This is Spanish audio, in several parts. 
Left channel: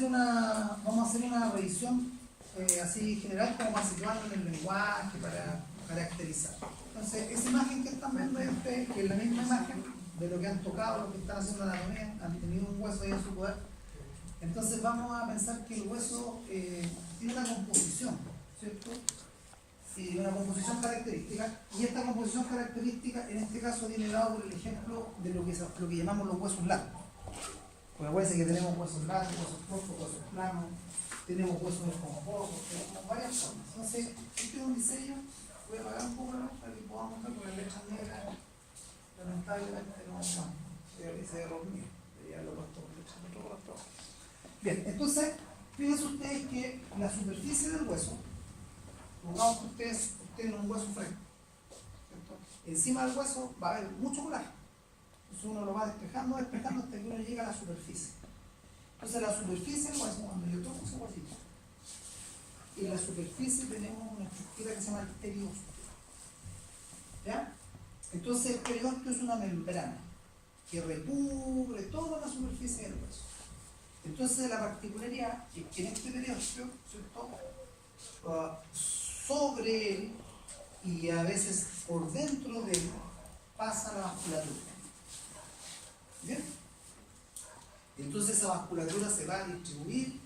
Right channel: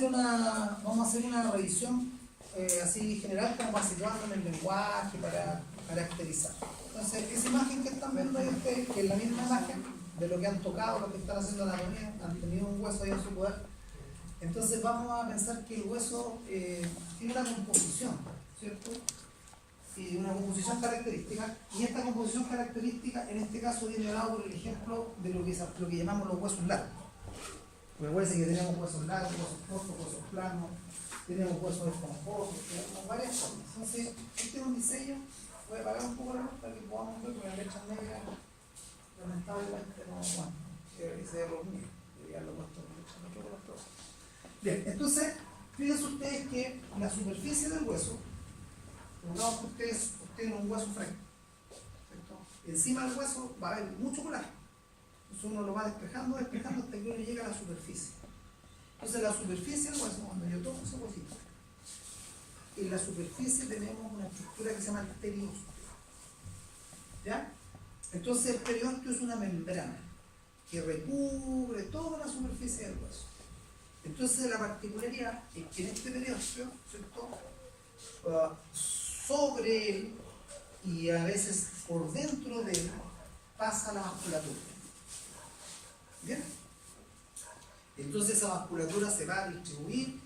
vamos a hacer una revisión así general como para situarlo en el lenguaje, para caracterizar. Entonces, esa imagen que están viendo ahí ustedes, que es la misma imagen de lo que han tocado, lo que están haciendo anatomía, han tenido un hueso ahí en su poder. Entonces vamos a pensar que el hueso tiene una composición, ¿cierto? Sí, una composición característica, y esta composición característica en este caso viene dado por el ejemplo de lo que llamamos los huesos largos. Recuerden que tenemos huesos largos, huesos cortos, huesos planos, tenemos huesos esponjosos, tenemos varias formas. Entonces, este es un diseño, voy a apagar un poco la luz para que podamos ver, porque las letras negras lamentablemente no van, se ve dormido, debería haberlo puesto con letras negras. Bien, entonces, fíjense ustedes que la superficie del hueso, supongamos que ustedes tienen un hueso fresco, ¿cierto? Encima del hueso va a haber mucho colágeno. Entonces uno lo va despejando hasta que uno llega a la superficie. Entonces la superficie del hueso, cuando yo toco ese huesito, en la superficie tenemos una estructura que se llama el periósteo. ¿Ya? Entonces el periósteo es una membrana que recubre toda la superficie del hueso. Entonces la particularidad es que en este periósteo, ¿cierto? Sobre él y a veces por dentro de él pasa la vasculatura. ¿Bien? Entonces esa vasculatura se va a distribuir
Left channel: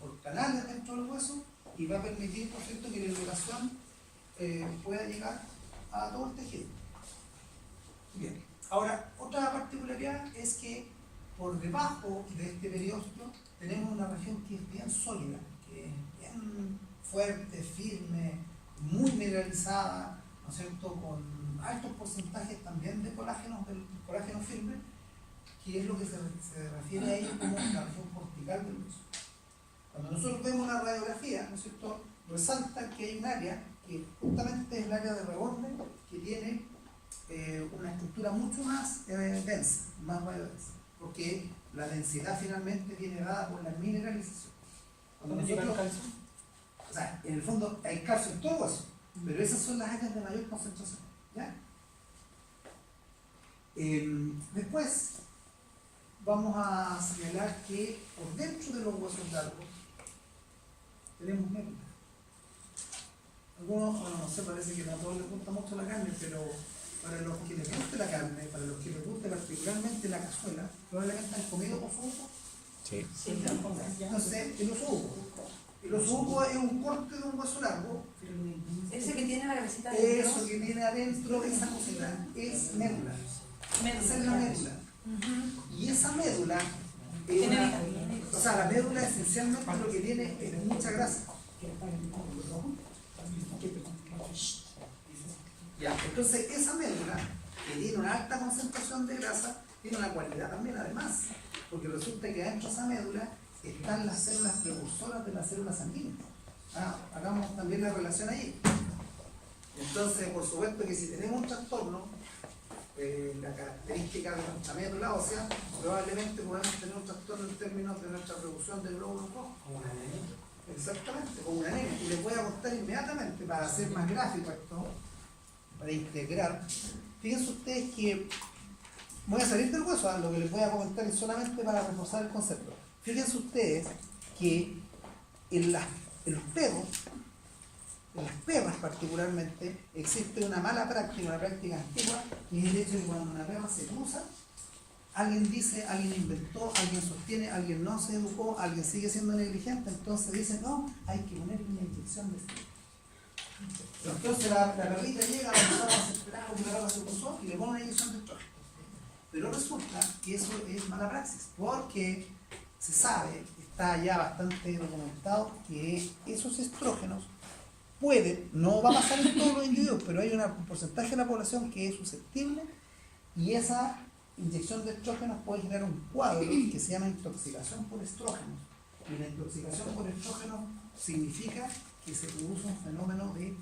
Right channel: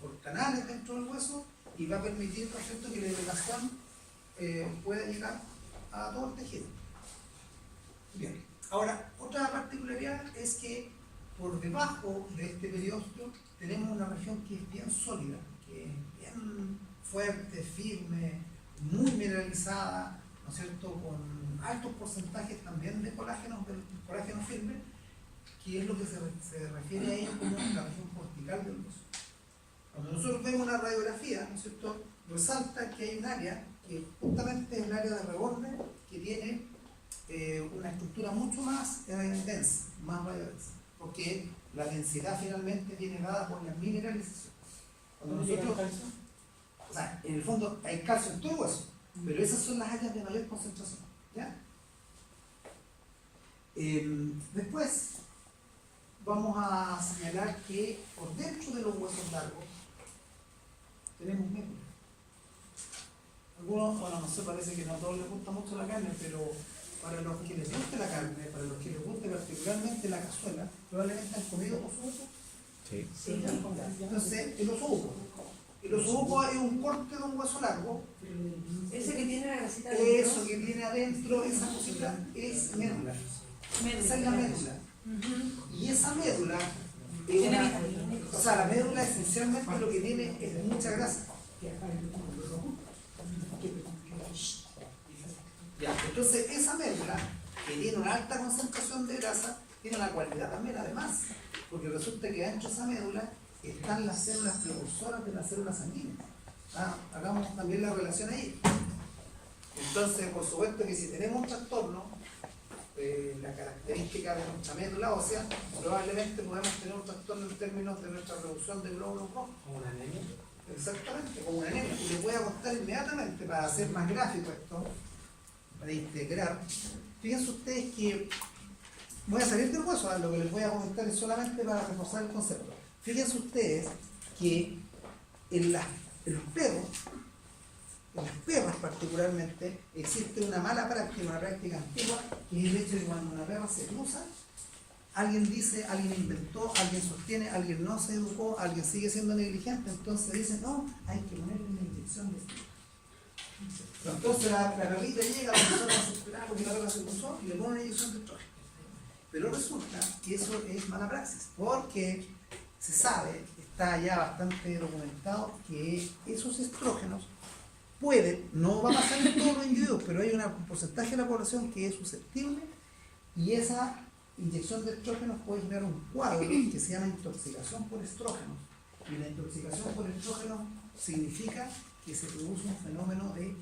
por canales dentro del hueso y va a permitir, por cierto, que la irrigación pueda llegar a todo el tejido. Bien. Ahora, otra particularidad es que por debajo de este periósteo tenemos una región que es bien sólida, que es bien fuerte, firme, muy mineralizada, ¿no es cierto?, con altos porcentajes también de colágeno firme, que es lo que se refiere ahí como la región cortical del hueso. Cuando nosotros vemos una radiografía, ¿no es cierto?, resalta que hay un área que justamente es el área de reborde, que tiene una estructura mucho más densa, más radiodensa, porque la densidad finalmente viene dada por la mineralización. Cuando nosotros, o sea, en el fondo hay calcio en todo el hueso, pero esas son las áreas de mayor concentración, ¿ya? Después vamos a señalar que por dentro de los huesos largos tenemos médula. Algunos, bueno, no sé, parece que no a todos les gusta mucho la carne, pero para los que les guste la carne, para los que les guste particularmente la cazuela, probablemente han comido osobuco. Sí. Sí. Entonces, el osobuco. El osobuco es un corte de un hueso largo. Ese que tiene la grasita adentro. Eso que tiene adentro, esa cosita, es médula. Esa es la médula. Y esa médula es una, o sea, la médula esencialmente lo que tiene es mucha grasa. Ya, entonces esa médula, que tiene una alta concentración de grasa, tiene una cualidad también además, porque resulta que dentro de esa médula están las células precursoras de las células sanguíneas. Hagamos también la relación ahí. Entonces, por supuesto que si tenemos un trastorno, la característica de nuestra médula ósea, probablemente podemos tener un trastorno en términos de nuestra reducción de glóbulos rojos. Como una anemia. Exactamente, como una anemia. Y les voy a contar inmediatamente, para hacer más gráfico esto, para integrar. Fíjense ustedes que voy a salir del hueso, lo que les voy a comentar es solamente para reforzar el concepto. Fíjense ustedes que en los perros, en las perras particularmente, existe una mala práctica, una práctica antigua, que es el hecho de que cuando una perra se cruza, alguien dice, alguien inventó, alguien sostiene, alguien no se educó, alguien sigue siendo negligente, entonces dice, no, hay que ponerle una inyección de estrógeno. Entonces la perrita llega, la persona desesperada porque la perra se cruzó y le pone una inyección de estrógeno. Pero resulta que eso es mala praxis, porque se sabe, está ya bastante documentado, que esos estrógenos pueden, no va a pasar en todos los individuos, pero hay un porcentaje de la población que es susceptible y esa inyección de estrógenos puede generar un cuadro que se llama intoxicación por estrógenos. Y la intoxicación por estrógenos significa que se produce un fenómeno de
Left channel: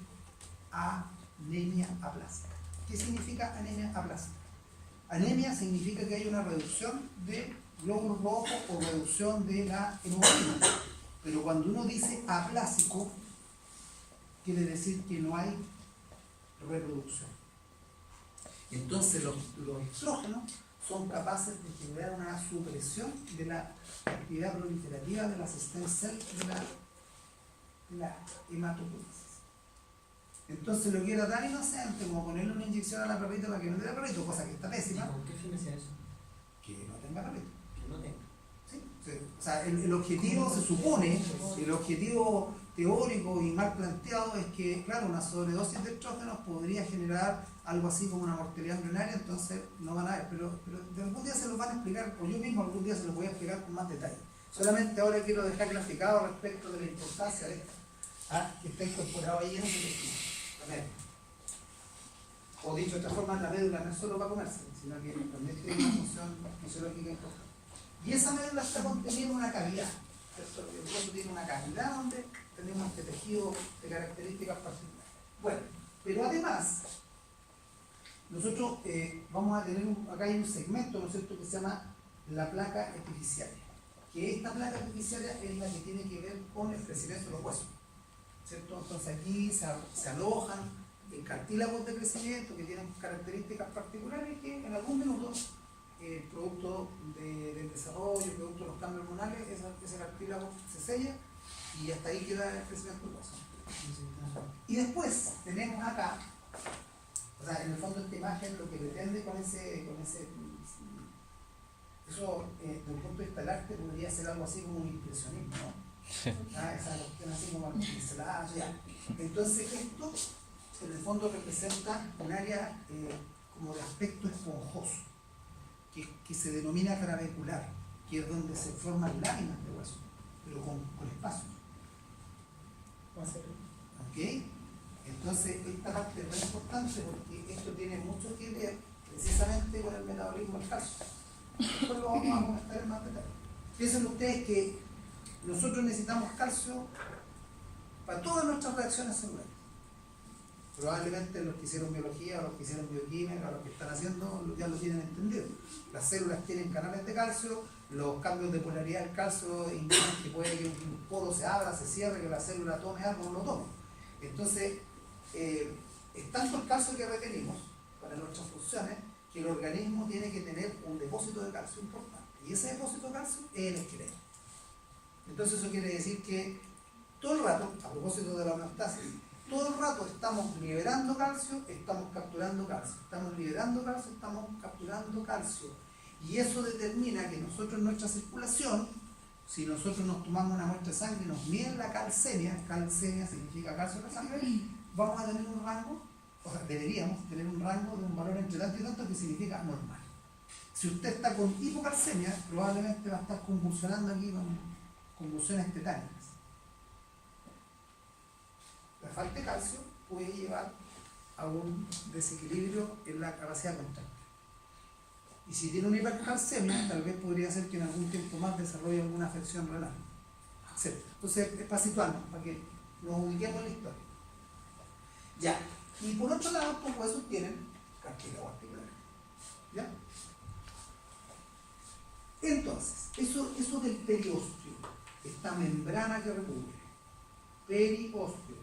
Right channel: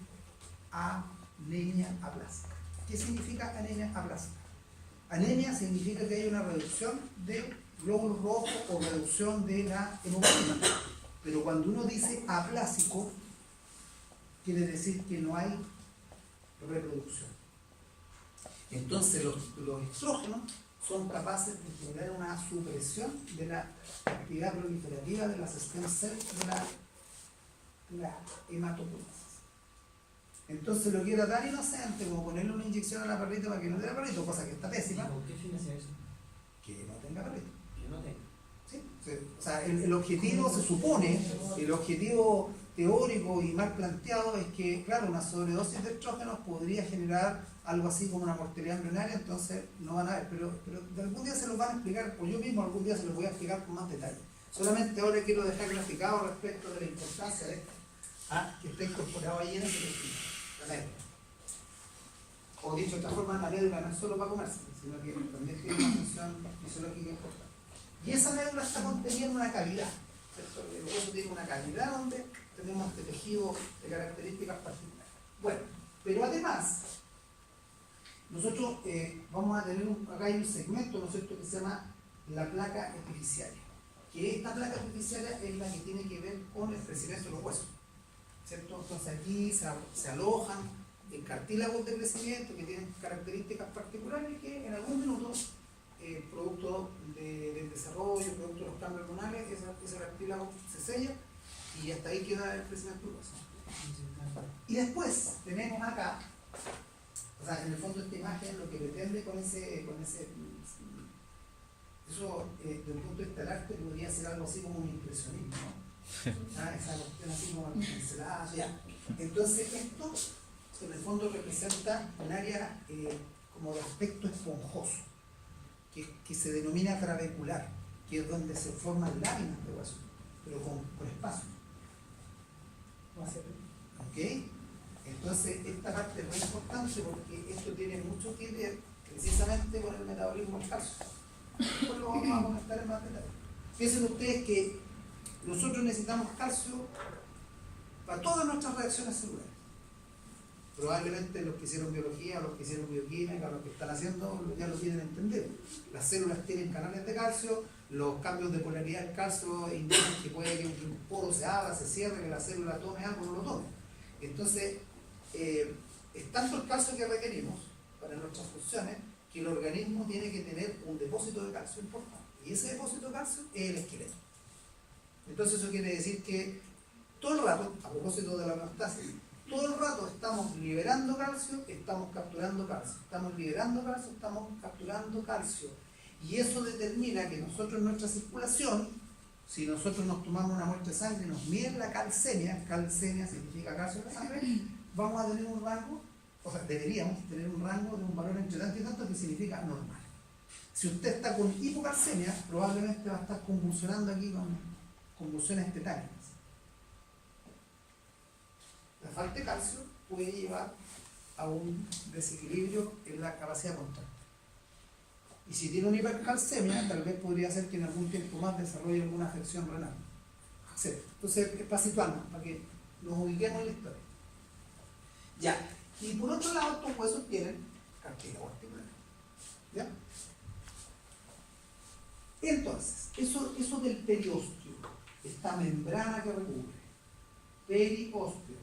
anemia aplásica. ¿Qué significa anemia aplásica? Anemia significa que hay una reducción de glóbulos rojos o reducción de la hemoglobina. Pero cuando uno dice aplásico, quiere decir que no hay reproducción. Entonces los estrógenos son capaces de generar una supresión de la actividad proliferativa de las stem cells de la hematopoiesis. Entonces lo que era tan inocente como ponerle una inyección a la perrita para que no tenga perrito, cosa que está pésima, ¿Con qué fin hacía eso? que no tenga perrito. Que no tenga. ¿Sí? O sea, el objetivo se supone, el objetivo teórico y mal planteado es que, claro, una sobredosis de estrógenos podría generar algo así como una mortalidad embrionaria, entonces no van a ver, pero de algún día se los van a explicar, o yo mismo algún día se los voy a explicar con más detalle. Solamente ahora quiero dejar graficado respecto de la importancia de esto, que está incorporado ahí en ese tejido, la médula. O dicho de esta forma, la médula no es solo para comerse, sino que también tiene una función fisiológica importante. Y esa médula está contenida en una cavidad, ¿cierto? El hueso tiene una cavidad donde tenemos este tejido de características particulares. Bueno, pero además, nosotros vamos a tener acá hay un segmento, ¿no es cierto?, que se llama la placa epifisiaria. Que esta placa epifisiaria es la que tiene que ver con el crecimiento de los huesos, ¿cierto? Entonces aquí se alojan en cartílagos de crecimiento que tienen características particulares que en algún minuto, producto del desarrollo, producto de los cambios hormonales, ese cartílago se sella y hasta ahí queda el crecimiento del hueso. Y después tenemos acá, o sea, en el fondo esta imagen lo que pretende con ese eso desde el punto de vista del arte podría ser algo así como un impresionismo, ¿no? Esa cuestión así como pincelada, ya. Entonces esto en el fondo representa un área como de aspecto esponjoso, que se denomina trabecular, que es donde se forman láminas de hueso, pero con espacio. ¿Ok? Entonces esta parte es muy importante porque esto tiene mucho que ver precisamente con el metabolismo del calcio. Después lo vamos a comentar en más detalle. Piensen ustedes que nosotros necesitamos calcio para todas nuestras reacciones celulares. Probablemente los que hicieron biología, los que hicieron bioquímica, los que están haciendo, ya lo tienen entendido. Las células tienen canales de calcio, los cambios de polaridad del calcio indican que puede que un poro se abra, se cierre, que la célula tome algo o no lo tome. Entonces, es tanto el calcio que requerimos para nuestras funciones que el organismo tiene que tener un depósito de calcio importante. Y ese depósito de calcio es el esqueleto. Entonces eso quiere decir que todo el rato, a propósito de la homeostasis, todo el rato estamos liberando calcio, estamos capturando calcio. Estamos liberando calcio, estamos capturando calcio. Y eso determina que nosotros en nuestra circulación, si nosotros nos tomamos una muestra de sangre y nos miden la calcemia significa calcio en la sangre, vamos a tener un rango, o sea, deberíamos tener un rango de un valor entre tanto y tanto que significa normal. Si usted está con hipocalcemia, probablemente va a estar convulsionando aquí con convulsiones tetánicas. La falta de calcio puede llevar a un desequilibrio en la capacidad contractil. Y si tiene una hipercalcemia, tal vez podría ser que en algún tiempo más desarrolle alguna afección renal, etc. Entonces, es para situarnos, para que nos ubiquemos en la historia. Ya. Y por otro lado, estos huesos tienen cartílago articular. ¿Ya? Entonces, eso del periósteo, esta membrana que recubre, periósteo,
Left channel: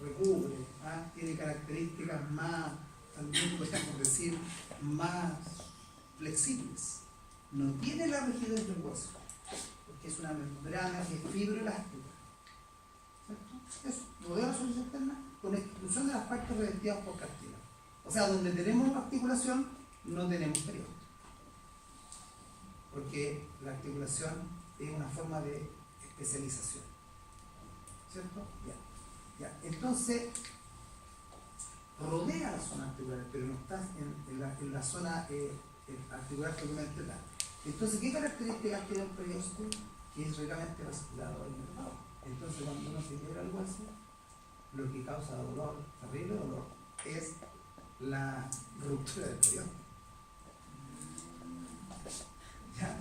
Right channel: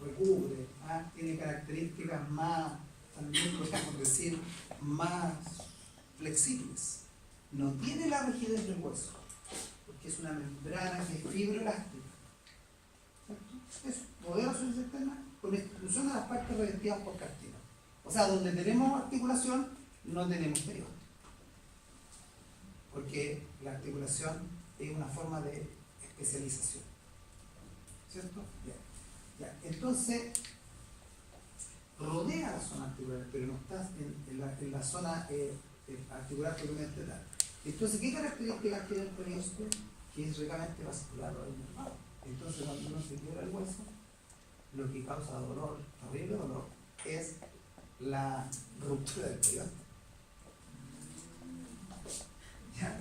recubre, tiene características más, también podemos decir, más flexibles. No tiene la rigidez del hueso, porque es una membrana que es fibroelástica. ¿Cierto? Eso, rodea la superficie externa con exclusión de las partes revestidas por cartílago. O sea, donde tenemos articulación, no tenemos periósteo. Porque la articulación es una forma de especialización. ¿Cierto? Ya. Entonces, rodea la zona articular, pero no está en la zona articular propiamente tal. Entonces, ¿qué características tiene el periósteo? Que es ricamente vascular o inervado. Entonces, cuando uno se quiebra el hueso, lo que causa dolor, terrible dolor, es la ruptura del periósteo. ¿Ya?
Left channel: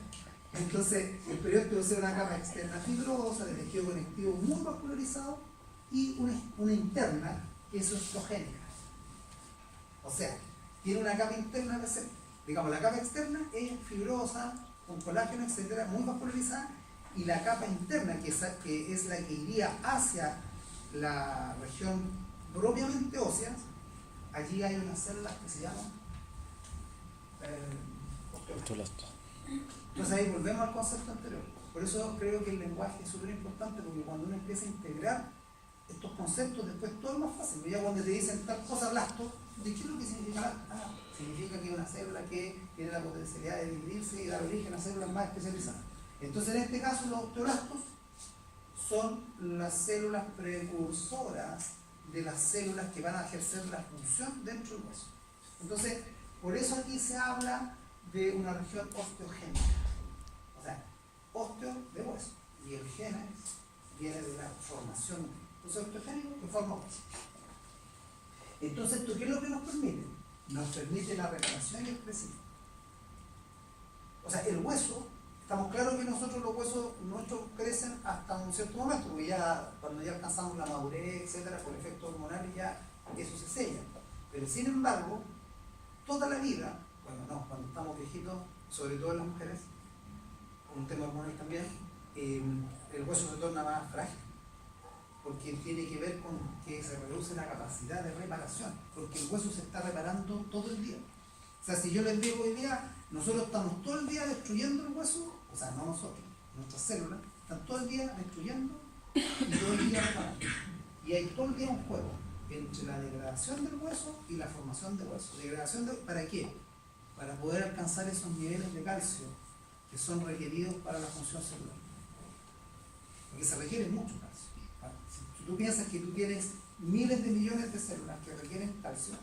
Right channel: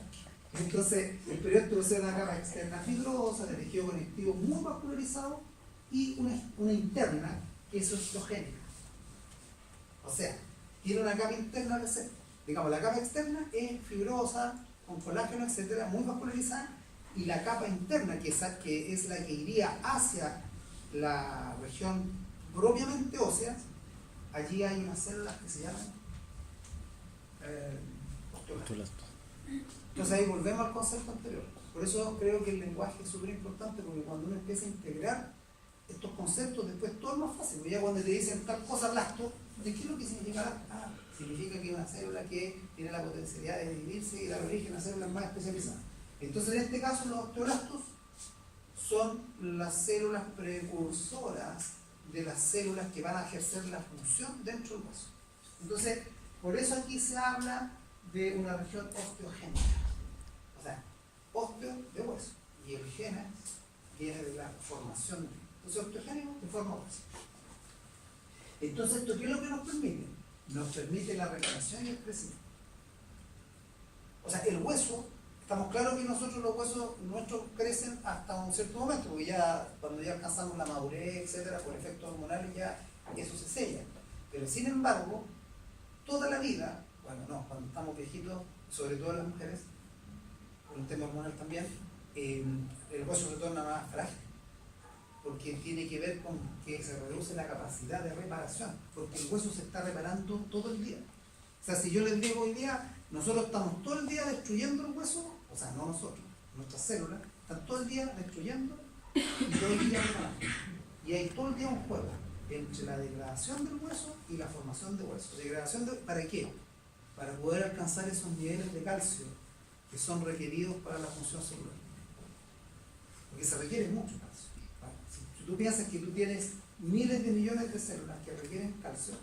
Entonces, el periósteo es una capa externa fibrosa, de tejido conectivo muy vascularizado, y una interna que es osteogénica. O sea, tiene una capa interna de ser, digamos, la capa externa es fibrosa, con colágeno, etcétera, muy vascularizada, y la capa interna, que es la que iría hacia la región propiamente ósea, allí hay unas células que se llaman osteoblastos. Entonces ahí volvemos al concepto anterior. Por eso creo que el lenguaje es súper importante, porque cuando uno empieza a integrar estos conceptos, después todo es más fácil. Ya cuando te dicen tal cosa blasto, ¿de qué es lo que significa blasto? Ah, significa que es una célula que tiene la potencialidad de dividirse y dar origen a células más especializadas. Entonces en este caso los osteoblastos son las células precursoras de las células que van a ejercer la función dentro del hueso. Entonces, por eso aquí se habla de una región osteogénica. O sea, osteo de hueso. Y el genes viene de la formación de. Entonces, osteogénico que forma hueso. Entonces, ¿esto qué es lo que nos permite? Nos permite la reparación y el crecimiento. O sea, el hueso, estamos claros que nosotros los huesos nuestros crecen hasta un cierto momento, porque ya cuando ya alcanzamos la madurez, etcétera, por efectos hormonales ya eso se sella. Pero sin embargo, toda la vida, bueno, no, cuando estamos viejitos, sobre todo en las mujeres, por un tema hormonal también, el hueso se torna más frágil, porque tiene que ver con que se reduce la capacidad de reparación, porque el hueso se está reparando todo el día. O sea, si yo les digo hoy día, nosotros estamos todo el día destruyendo el hueso, o sea, no nosotros, nuestras células, están todo el día destruyendo y todo el día reparando. Y hay todo el día un juego entre la degradación del hueso y la formación de hueso. ¿Degradación ¿para qué? Para poder alcanzar esos niveles de calcio que son requeridos para la función celular. Porque se requiere mucho calcio. ¿Vale? Si tú piensas que tú tienes miles de millones de células que requieren calcio,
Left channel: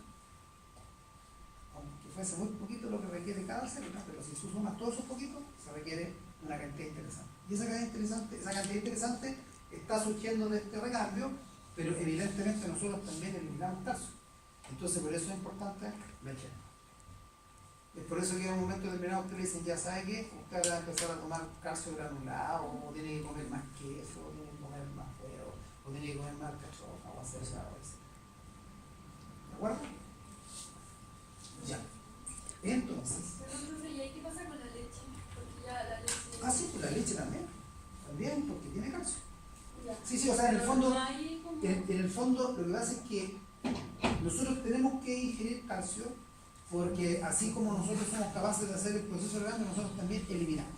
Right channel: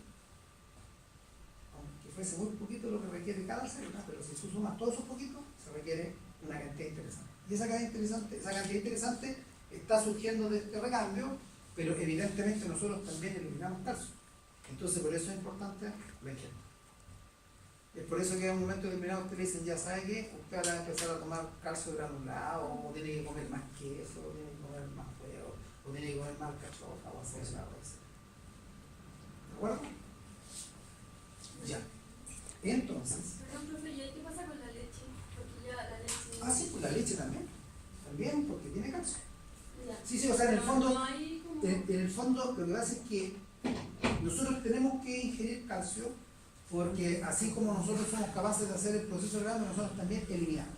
aunque fuese muy poquito lo que requiere cada célula, pero si tú sumas todos esos poquitos, se requiere una cantidad interesante. Y esa cantidad interesante está surgiendo de este recambio, pero evidentemente nosotros también eliminamos calcio. Entonces por eso es importante la higiene. Es por eso que en un momento determinado usted le dicen, ya sabe que usted va a empezar a tomar calcio granulado, o tiene que comer más queso, o tiene que comer más huevo, o tiene que comer más cachofa, o hacer eso, etc. ¿De acuerdo? Ya. Entonces. ¿Y ahí qué pasa con la leche? Porque ya la leche. Ah, sí, pues la leche también. También, porque tiene calcio. Ya. Sí, o sea, en el Pero fondo. no hay como... En el fondo, lo que pasa es que nosotros tenemos que ingerir calcio, porque así como nosotros somos capaces de hacer el proceso de cambio, nosotros también eliminamos.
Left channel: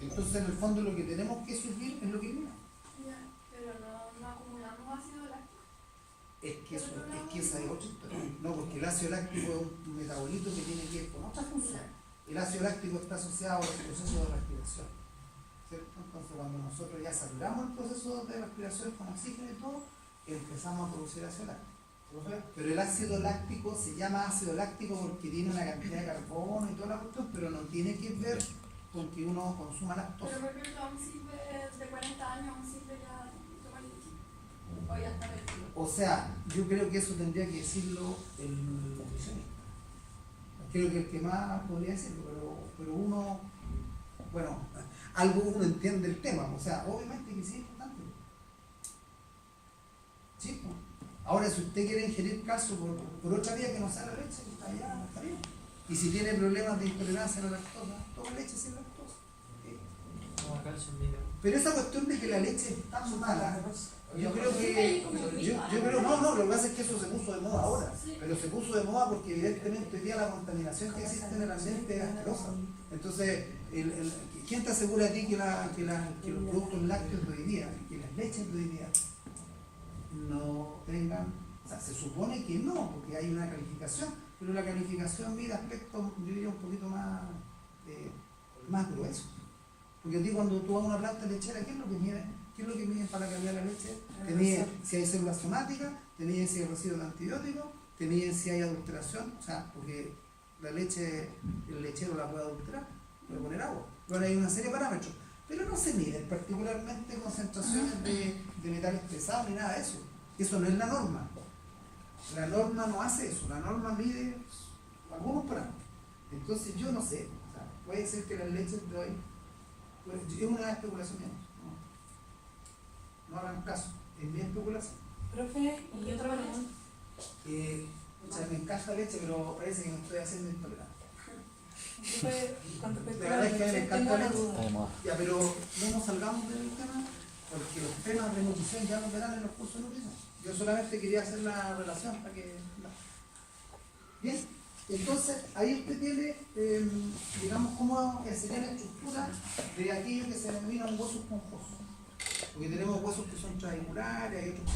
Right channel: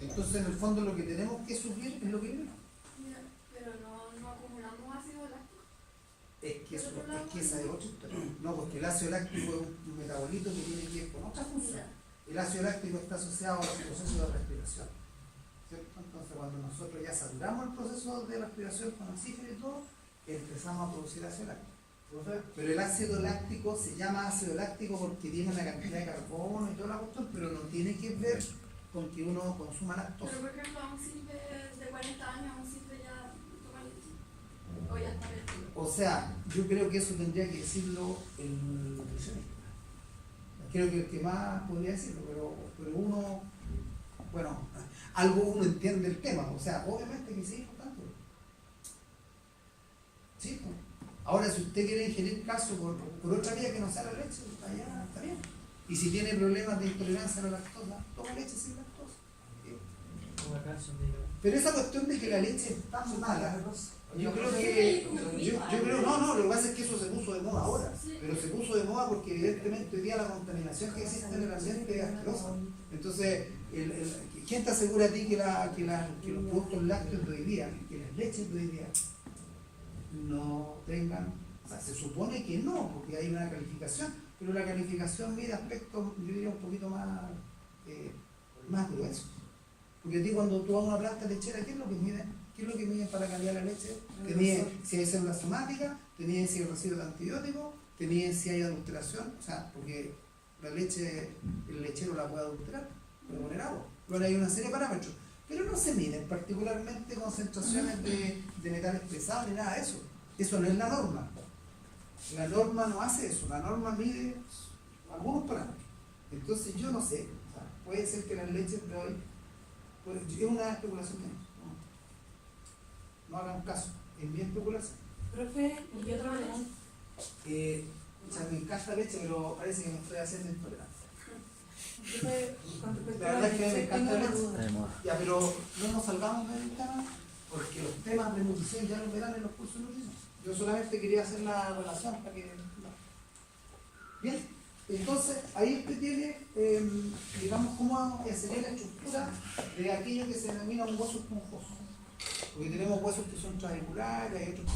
Entonces, en el fondo, lo que tenemos que suplir es lo que eliminamos. Ya, pero no acumulamos ácido láctico. Es que esa es otra historia. No, porque el ácido láctico es un metabolito que tiene que ver con otra función. El ácido láctico está asociado al proceso de respiración, ¿cierto? Entonces, cuando nosotros ya saturamos el proceso de respiración con oxígeno y todo, empezamos a producir ácido láctico. Pero el ácido láctico se llama ácido láctico porque tiene una cantidad de carbono y toda la cuestión, pero no tiene que ver con que uno consuma lactosa. Pero por ejemplo, a un simple de 40 años, a un simple ya toma leche. O ya está perdido. O sea, yo creo que eso tendría que decirlo el nutricionista. Creo que el que más podría decirlo, pero uno, bueno, algo uno entiende el tema. O sea, obviamente que sí es importante. Sí, pues. Ahora, si usted quiere ingerir calcio por otra vía que no sea la leche, allá está bien. Y si tiene problemas de intolerancia a la lactosa, toma leche sin lactosa. ¿Sí? Pero esa cuestión de que la leche es tan mala, yo creo que. Yo creo, no, lo que pasa es que eso se puso de moda ahora. Pero se puso de moda porque, evidentemente, hoy día la contaminación que existe en el ambiente es asquerosa. Entonces, ¿quién te asegura a ti que los productos lácteos de hoy día, que las leches de hoy día, no tengan, o sea, se supone que no, porque hay una calificación, pero la calificación mide aspectos, yo diría, un poquito más gruesos. Porque a ti cuando tú vas a una planta lechera, ¿qué es lo que miden? ¿Qué es lo que miden para la calidad de la leche? Te miden si hay células somáticas, te miden si hay residuos de antibióticos, te miden si hay adulteración, o sea, porque la leche, el lechero la puede adulterar, puede poner agua. Ahora hay una serie de parámetros, pero no se miden particularmente concentraciones de metales pesados ni nada de eso. Eso no es la norma. La norma no hace eso, la norma mide algunos parámetros. Entonces yo no sé, o sea, puede ser que las leches de hoy, pues, es una especulación mía. No hagan caso, es mi especulación. Profe, y otra manera. O sea, me encanta la leche, pero parece que me estoy haciendo intolerante. Profe, con respecto La a la verdad es que me leche, encanta tengo la una leche. duda. Ya, pero no nos salgamos del tema, porque los temas de nutrición ya los verán en los cursos de nutrición. Yo solamente quería hacer la relación para que. Bien, Entonces, ahí usted tiene, digamos, cómo sería la estructura de aquello que se denomina un hueso esponjoso. Porque tenemos huesos que son traviculares, hay otros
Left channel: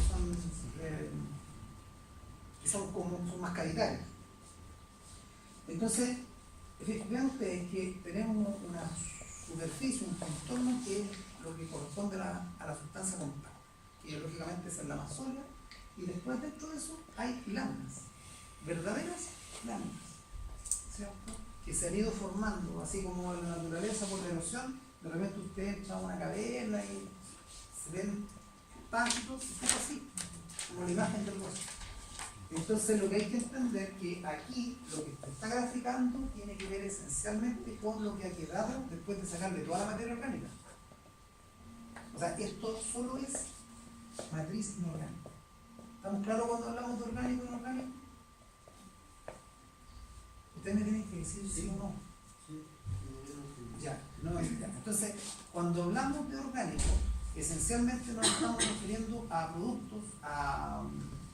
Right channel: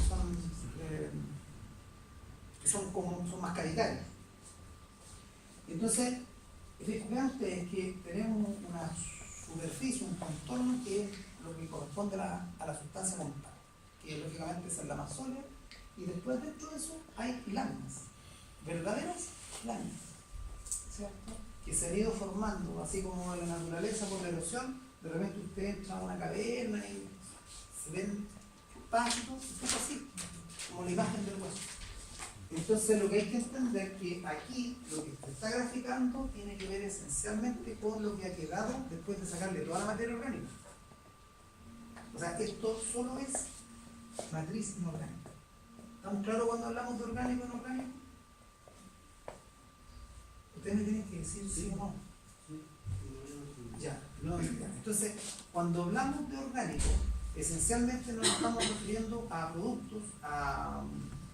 que son más cavitarios. Entonces, vean ustedes que tenemos una superficie, un contorno que es lo que corresponde a la sustancia montada, que lógicamente esa es la más sólida, y después dentro de eso hay láminas, verdaderas láminas, ¿cierto? Que se han ido formando, así como en la naturaleza por la erosión. De repente usted entra a una caverna y se ven páginas, y es así, como la imagen del hueso. Entonces lo que hay que entender es que aquí lo que se está graficando tiene que ver esencialmente con lo que ha quedado después de sacarle toda la materia orgánica. O sea, esto solo es matriz inorgánica. ¿Estamos claros cuando hablamos de orgánico e inorgánico? Ustedes me tienen que decir sí o no. Ya, no, ya. Entonces, cuando hablamos de orgánico, esencialmente nos estamos refiriendo a productos, a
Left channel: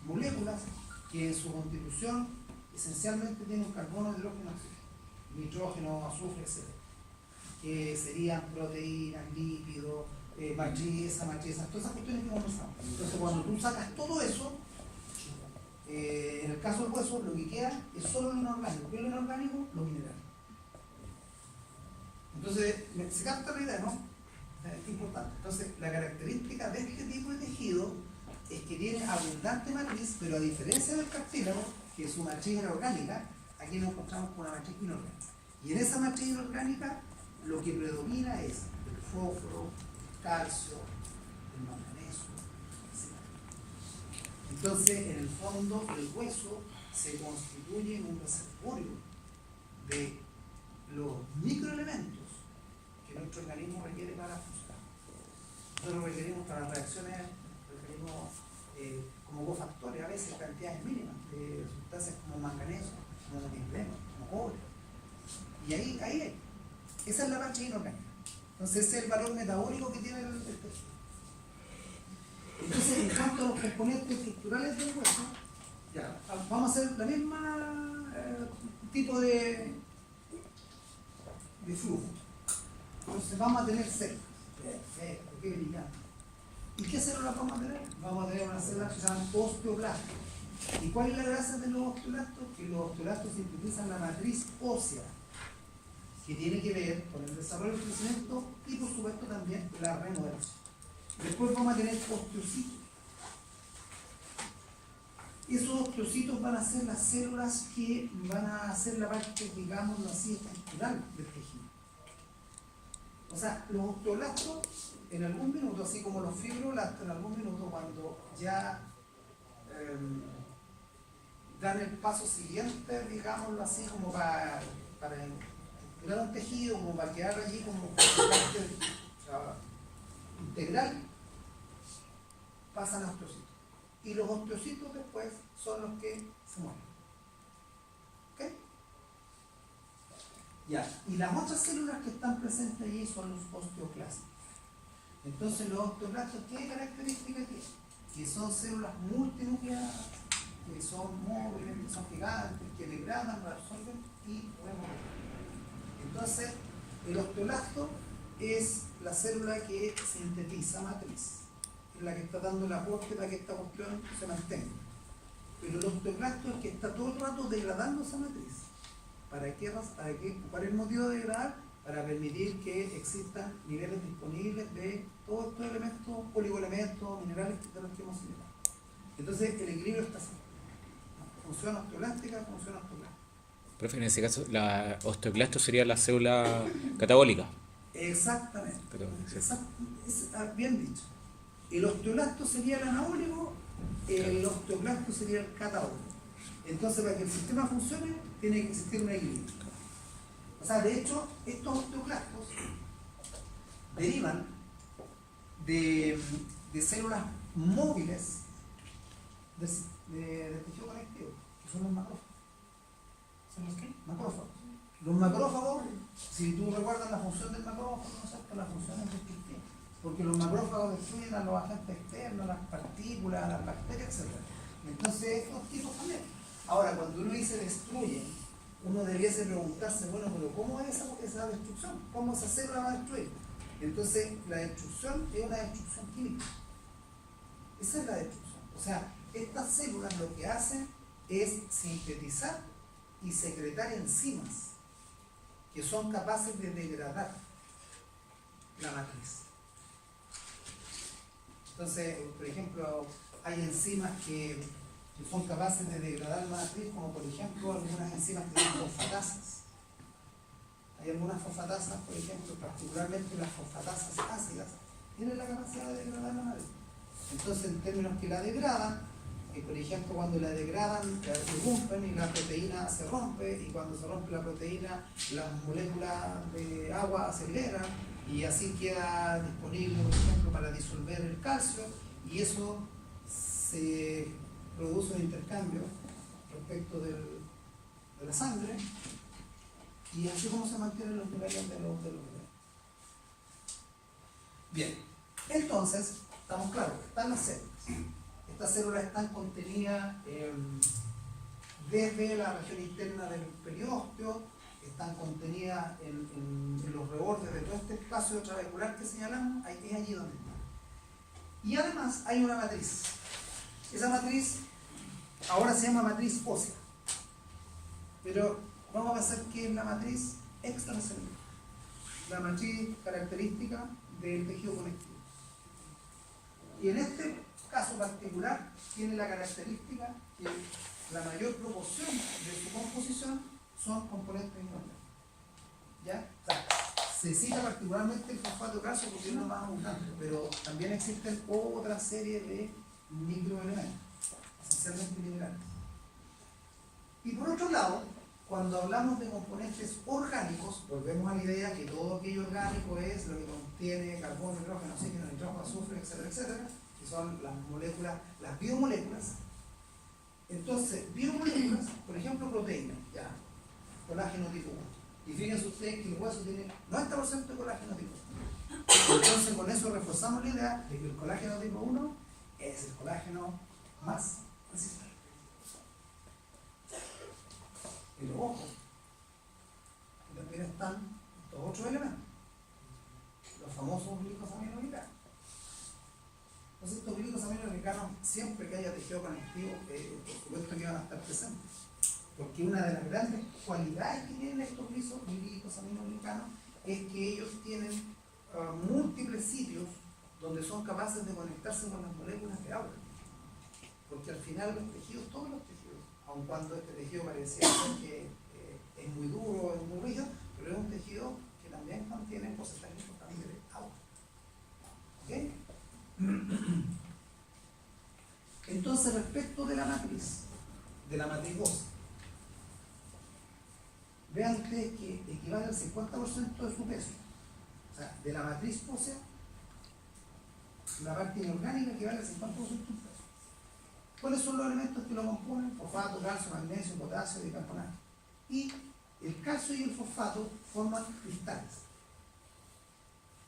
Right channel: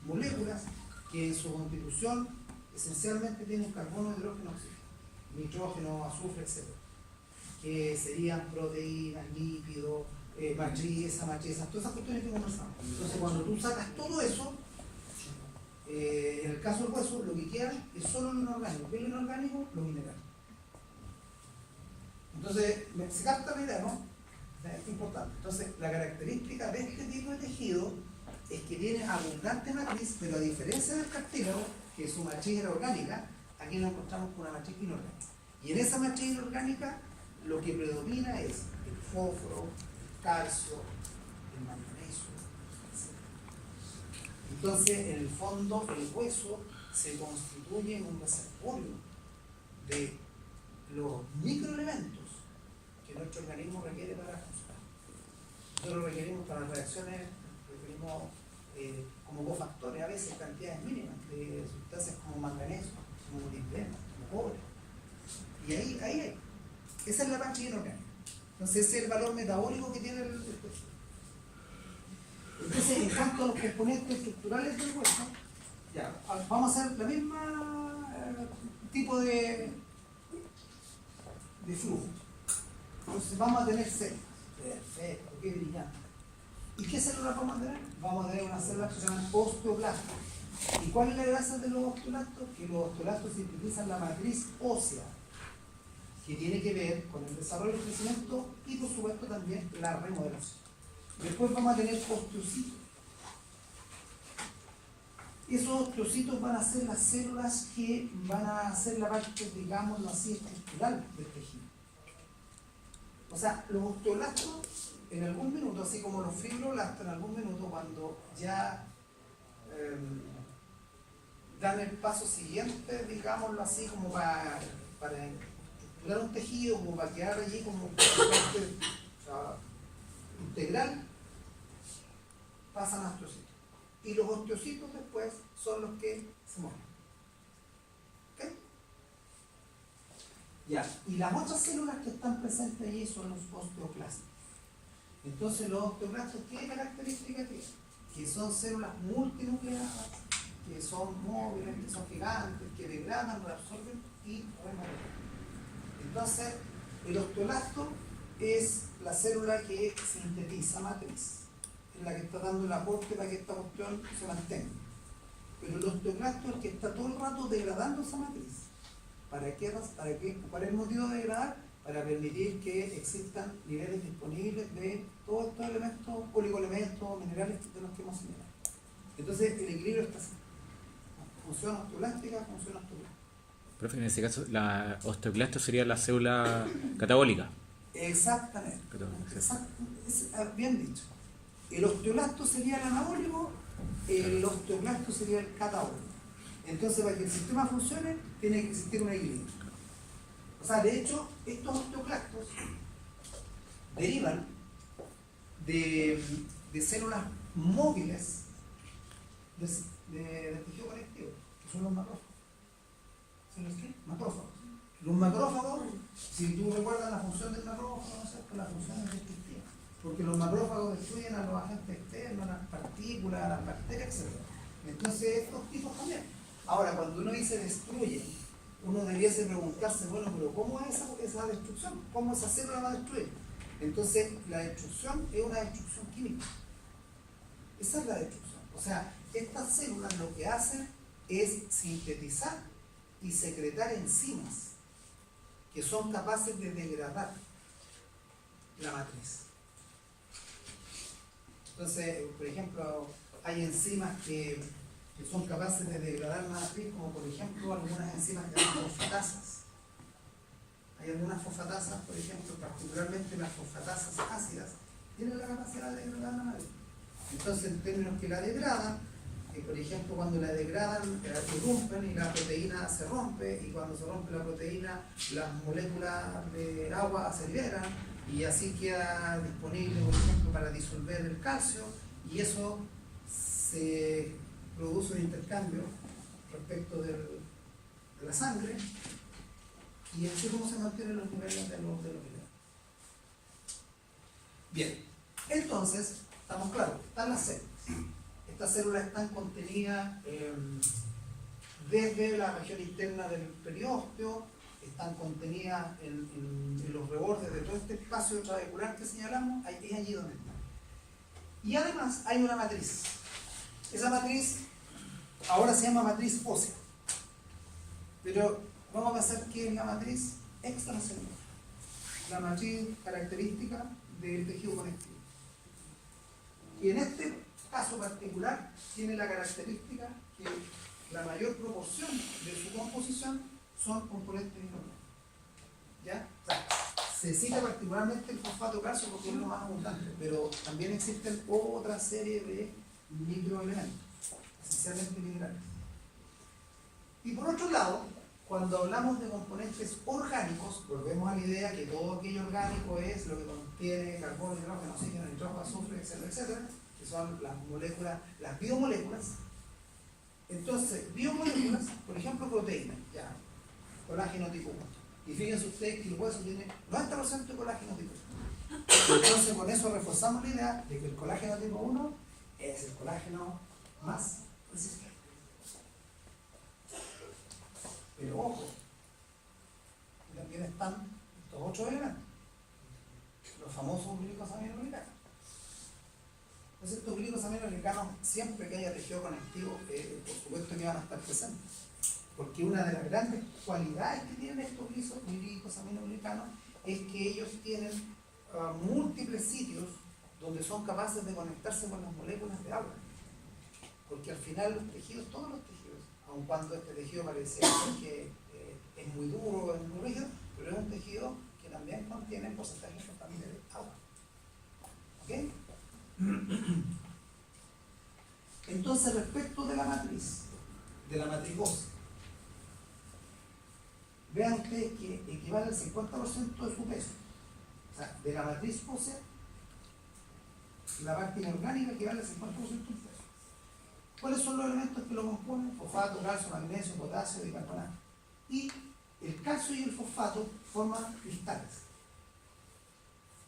moléculas que en su constitución esencialmente tienen carbono, hidrógeno, oxígeno, nitrógeno, azufre, etc. Que serían proteínas, lípidos, matriz, todas esas cuestiones que conversamos. Entonces, cuando tú sacas todo eso, en el caso del hueso, lo que queda es solo lo inorgánico. ¿Qué es lo inorgánico? Lo mineral. Entonces, se capta la idea, ¿no? Es importante. Entonces, la característica de este tipo de tejido es que tiene abundante matriz, pero a diferencia del cartílago, que su matriz era orgánica, aquí nos encontramos con una matriz inorgánica. Y en esa matriz inorgánica, lo que predomina es el fósforo, el calcio, el manganeso, etc. Entonces, en el fondo, el hueso se constituye en un reservorio de los microelementos que nuestro organismo requiere para funcionar. Nosotros requerimos para las reacciones, como cofactores, a veces cantidades mínimas de sustancias como manganeso, como molibdeno, como cobre. Y ahí hay. Esa es la parte inorgánica. Entonces ese es el valor metabólico que tiene el tejido. Entonces, en cuanto a los componentes estructurales del hueso, ya, vamos a hacer la misma tipo de flujo. Entonces vamos a tener células. Perfecto, qué brillante. ¿Y qué células vamos a tener? Vamos a tener unas células que se llaman osteoblastos. ¿Y cuál es la gracia de los osteoblastos? Que los osteoblastos sintetizan la matriz ósea, que tiene que ver con el desarrollo y el crecimiento y por supuesto también la remodelación. Después vamos a tener osteocitos. Esos osteocitos van a ser las células que van a hacer la parte, digámoslo así, estructural del tejido. O sea, los osteoblastos en algún minuto, así como los fibroblastos, en algún minuto cuando ya dan el paso siguiente, digámoslo así, como para estructurar un tejido, como para quedar allí como parte integral, pasan a osteocitos. Y los osteocitos después son los que se mueren. ¿Ok? Ya, y las otras células que están presentes allí son los osteoclastos. Entonces los osteoclastos, ¿qué características tienen? Que son células multinucleadas, que son móviles, que son gigantes, que degradan, reabsorben y remodelan. Entonces, el osteoclasto es la célula que sintetiza matriz, es la que está dando el aporte para que esta cuestión se mantenga. Pero el osteoclasto es el que está todo el rato degradando esa matriz. ¿Para qué? ¿Cuál es el motivo de degradar? Para permitir que existan niveles disponibles de todos estos elementos, oligoelementos, minerales de los que hemos señalado. Entonces, el equilibrio está así. Función osteoblástica, función osteoclástica. Profe, en ese caso, la osteoclasto sería la célula catabólica. Exactamente. Bien dicho. El osteoclasto sería el anabólico, el osteoclasto sería el catabólico. Entonces, para que el sistema funcione, tiene que existir un equilibrio. O sea, de hecho, estos osteoclastos derivan de células móviles del tejido conectivo, que son los macrófagos. ¿Sí los qué? Macrófagos. Los macrófagos, si tú recuerdas la función del macrófago, ¿no es cierto? La función es destructiva. Porque los macrófagos destruyen a los agentes externos, las partículas, las bacterias, etc. Entonces, estos tipos también. Ahora, cuando uno dice destruyen, uno debiese preguntarse, bueno, pero ¿cómo es esa destrucción? ¿Cómo esa célula va a destruir? Entonces, la destrucción es una destrucción química. Esa es la destrucción. O sea, estas células lo que hacen es sintetizar y secretar enzimas que son capaces de degradar la matriz. Entonces, por ejemplo, hay enzimas que son capaces de degradar la matriz, como por ejemplo algunas enzimas que se llaman fosfatasas. Hay algunas fosfatasas, por ejemplo, particularmente las fosfatasas ácidas, tienen la capacidad de degradar la matriz. Entonces, en términos que la degradan, por ejemplo, cuando la degradan, irrumpen y la proteína se rompe, y cuando se rompe la proteína, las moléculas de agua se liberan, y así queda disponible, por ejemplo, para disolver el calcio, y eso se produce un intercambio respecto de la sangre, y así es como se mantienen los niveles de los minerales. Bien, entonces, estamos claros, están las células. Estas células están contenidas desde la región interna del periósteo, están contenidas en los rebordes de todo este espacio trabecular que señalamos, es allí donde están. Y además hay una matriz. Esa matriz ahora se llama matriz ósea, pero vamos a pasar que es la matriz extracelular, la matriz característica del tejido conectivo. Y en este caso particular tiene la característica que la mayor proporción de su composición son componentes inorgánicos. ¿Ya? O sea, se cita particularmente el fosfato calcio porque es lo más abundante, pero también existen otra serie de microelementos, esencialmente minerales. Y por otro lado, cuando hablamos de componentes orgánicos, volvemos a la idea que todo aquello orgánico es lo que contiene carbono, hidrógeno, oxígeno, nitrógeno, azufre, etcétera, etcétera, que son las moléculas, las biomoléculas. Entonces, biomoléculas, por ejemplo, proteínas, ya, colágeno tipo 1. Y fíjense ustedes que el hueso tiene 90% de colágeno tipo 1. Entonces, con eso reforzamos la idea de que el colágeno tipo 1 es el colágeno más resistente. Pero ojo, también están estos otros elementos, los famosos glicosaminoglicanos. Entonces, estos glicosaminoglicanos, siempre que haya tejido conectivo, por supuesto que van a estar presentes. Porque una de las grandes cualidades que tienen estos glicosaminoglicanos es que ellos tienen múltiples sitios donde son capaces de conectarse con las moléculas de agua. Porque al final los tejidos, todos los tejidos, aun cuando este tejido parece que es muy duro, es muy rígido, pero es un tejido que también contiene porcentaje importante de agua. ¿Ok? Entonces, respecto de la matriz ósea, vean ustedes que equivale al 50% de su peso. O sea, de la matriz ósea, la parte inorgánica equivale al 50% de su peso. ¿Cuáles son los elementos que lo componen? Fosfato, calcio, magnesio, potasio, bicarbonato. Y el calcio y el fosfato forman cristales.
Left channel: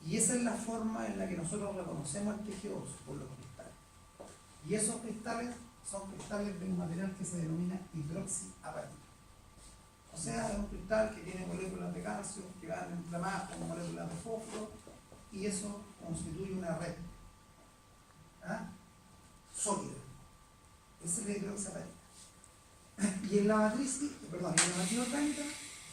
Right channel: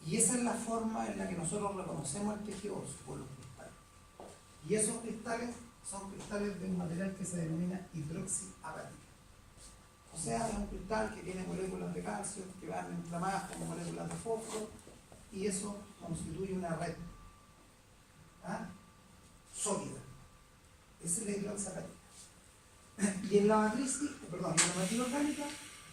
Y esa es la forma en la que nosotros reconocemos el tejido óseo, por los cristales. Y esos cristales son cristales de un material que se denomina hidroxiapatita. O sea, es un cristal que tiene moléculas de calcio que van inflamadas con moléculas de fósforo, y eso constituye una red sólida. Esa es la hidroxiapatita. Y en la matriz orgánica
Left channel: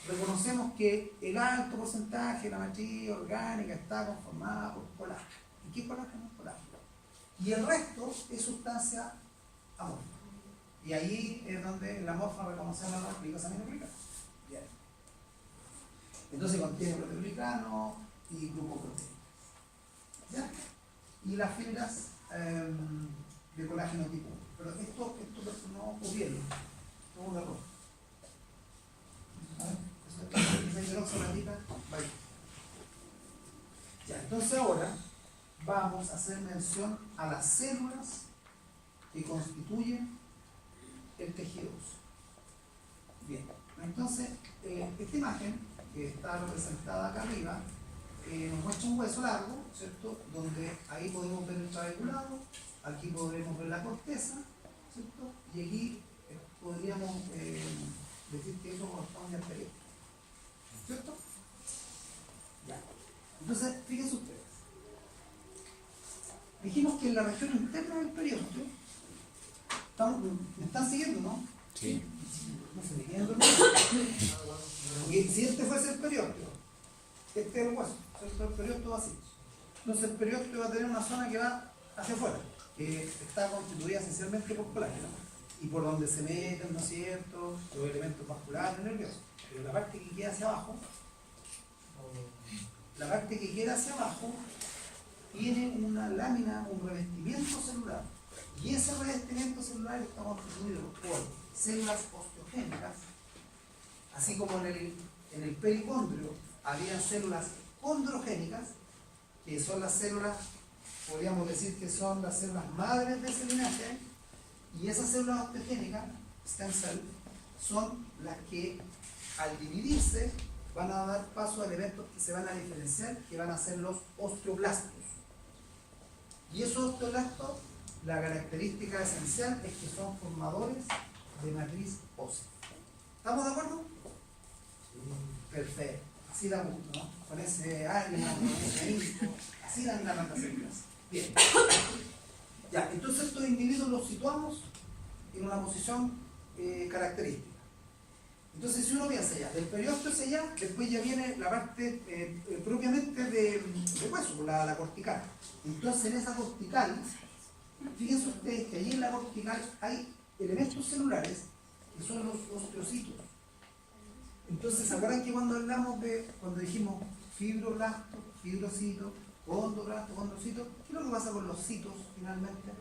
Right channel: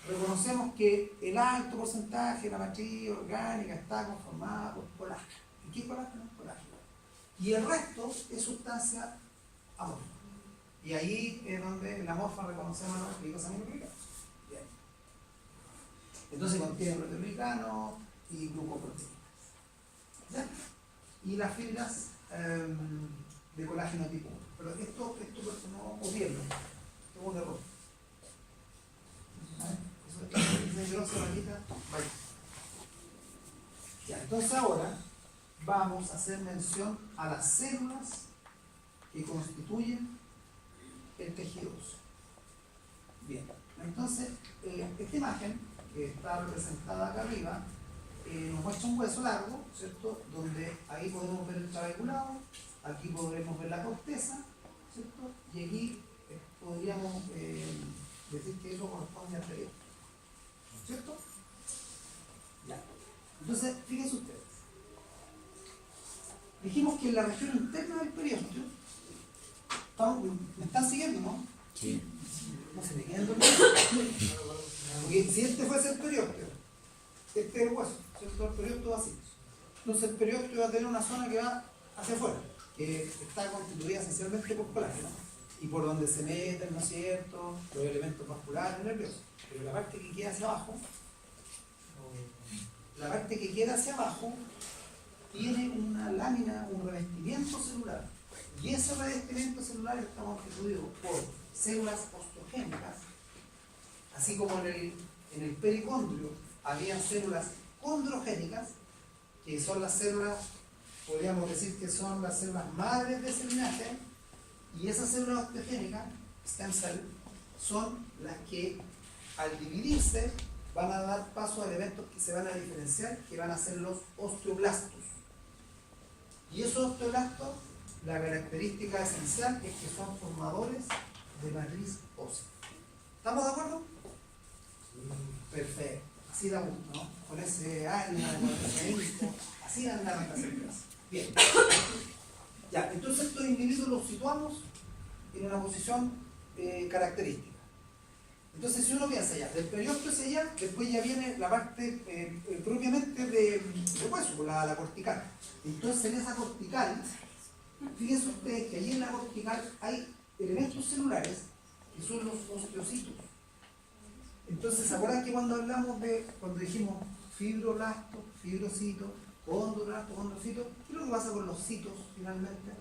reconocemos que el alto porcentaje de la matriz orgánica está conformada por colágeno. ¿Y qué colágeno es? Colágeno. Y el resto es sustancia amorfa. Y ahí es donde en la amorfa reconocemos los glicosaminoglicanos. Bien. Entonces contiene proteoglicano y glucoproteínas. ¿Ya? Y las fibras de colágeno tipo 1. Pero esto no copiarlo. Esto es un error. ¿Vale? Eso es hidroxiapatita, vale. Ya, entonces ahora vamos a hacer mención a las células que constituyen el tejido óseo. Bien, entonces esta imagen que está representada acá arriba nos muestra un hueso largo, ¿cierto? Donde ahí podemos ver el trabeculado, aquí podremos ver la corteza, ¿cierto? Y aquí podríamos decir que eso corresponde al periodo. ¿Cierto? Ya. Entonces, fíjense ustedes. Dijimos que en la región interna del periósteo, ¿me están siguiendo, no? Sí. No se me quedan dormidos. Porque si este fuese el periósteo, este es el hueso, ¿cierto? El periósteo así. Entonces el periósteo va a tener una zona que va hacia afuera, que está constituida esencialmente por colágeno, y por donde se meten, ¿no es cierto?, los elementos vasculares nerviosos. Pero la parte que queda hacia abajo, tiene una lámina, un revestimiento celular. Y ese revestimiento celular está constituido por células osteogénicas, así como en el pericondrio habían células condrogénicas, que son las células, podríamos decir que son las células madres de ese linaje, y esas células osteogénicas, stem cell, son las que al dividirse van a dar paso a elementos que se van a diferenciar, que van a ser los osteoblastos. Y esos osteoblastos, la característica esencial es que son formadores de matriz ósea. ¿Estamos de acuerdo? Perfecto. Así da gusto, ¿no? Con ese ánimo, con ese ímpetu, así dan ganas de hacer clases. Bien. Ya, entonces estos individuos los situamos en una posición característica. Entonces, si uno piensa ya, del periósteo hacia allá, después ya viene la parte propiamente de hueso, la cortical. Entonces, en esa cortical, fíjense ustedes que allí en la cortical hay elementos celulares que son los osteocitos. Entonces, ¿se acuerdan que cuando dijimos fibroblasto, fibrocito, condroblasto, condrocito, qué es lo que pasa con los citos finalmente?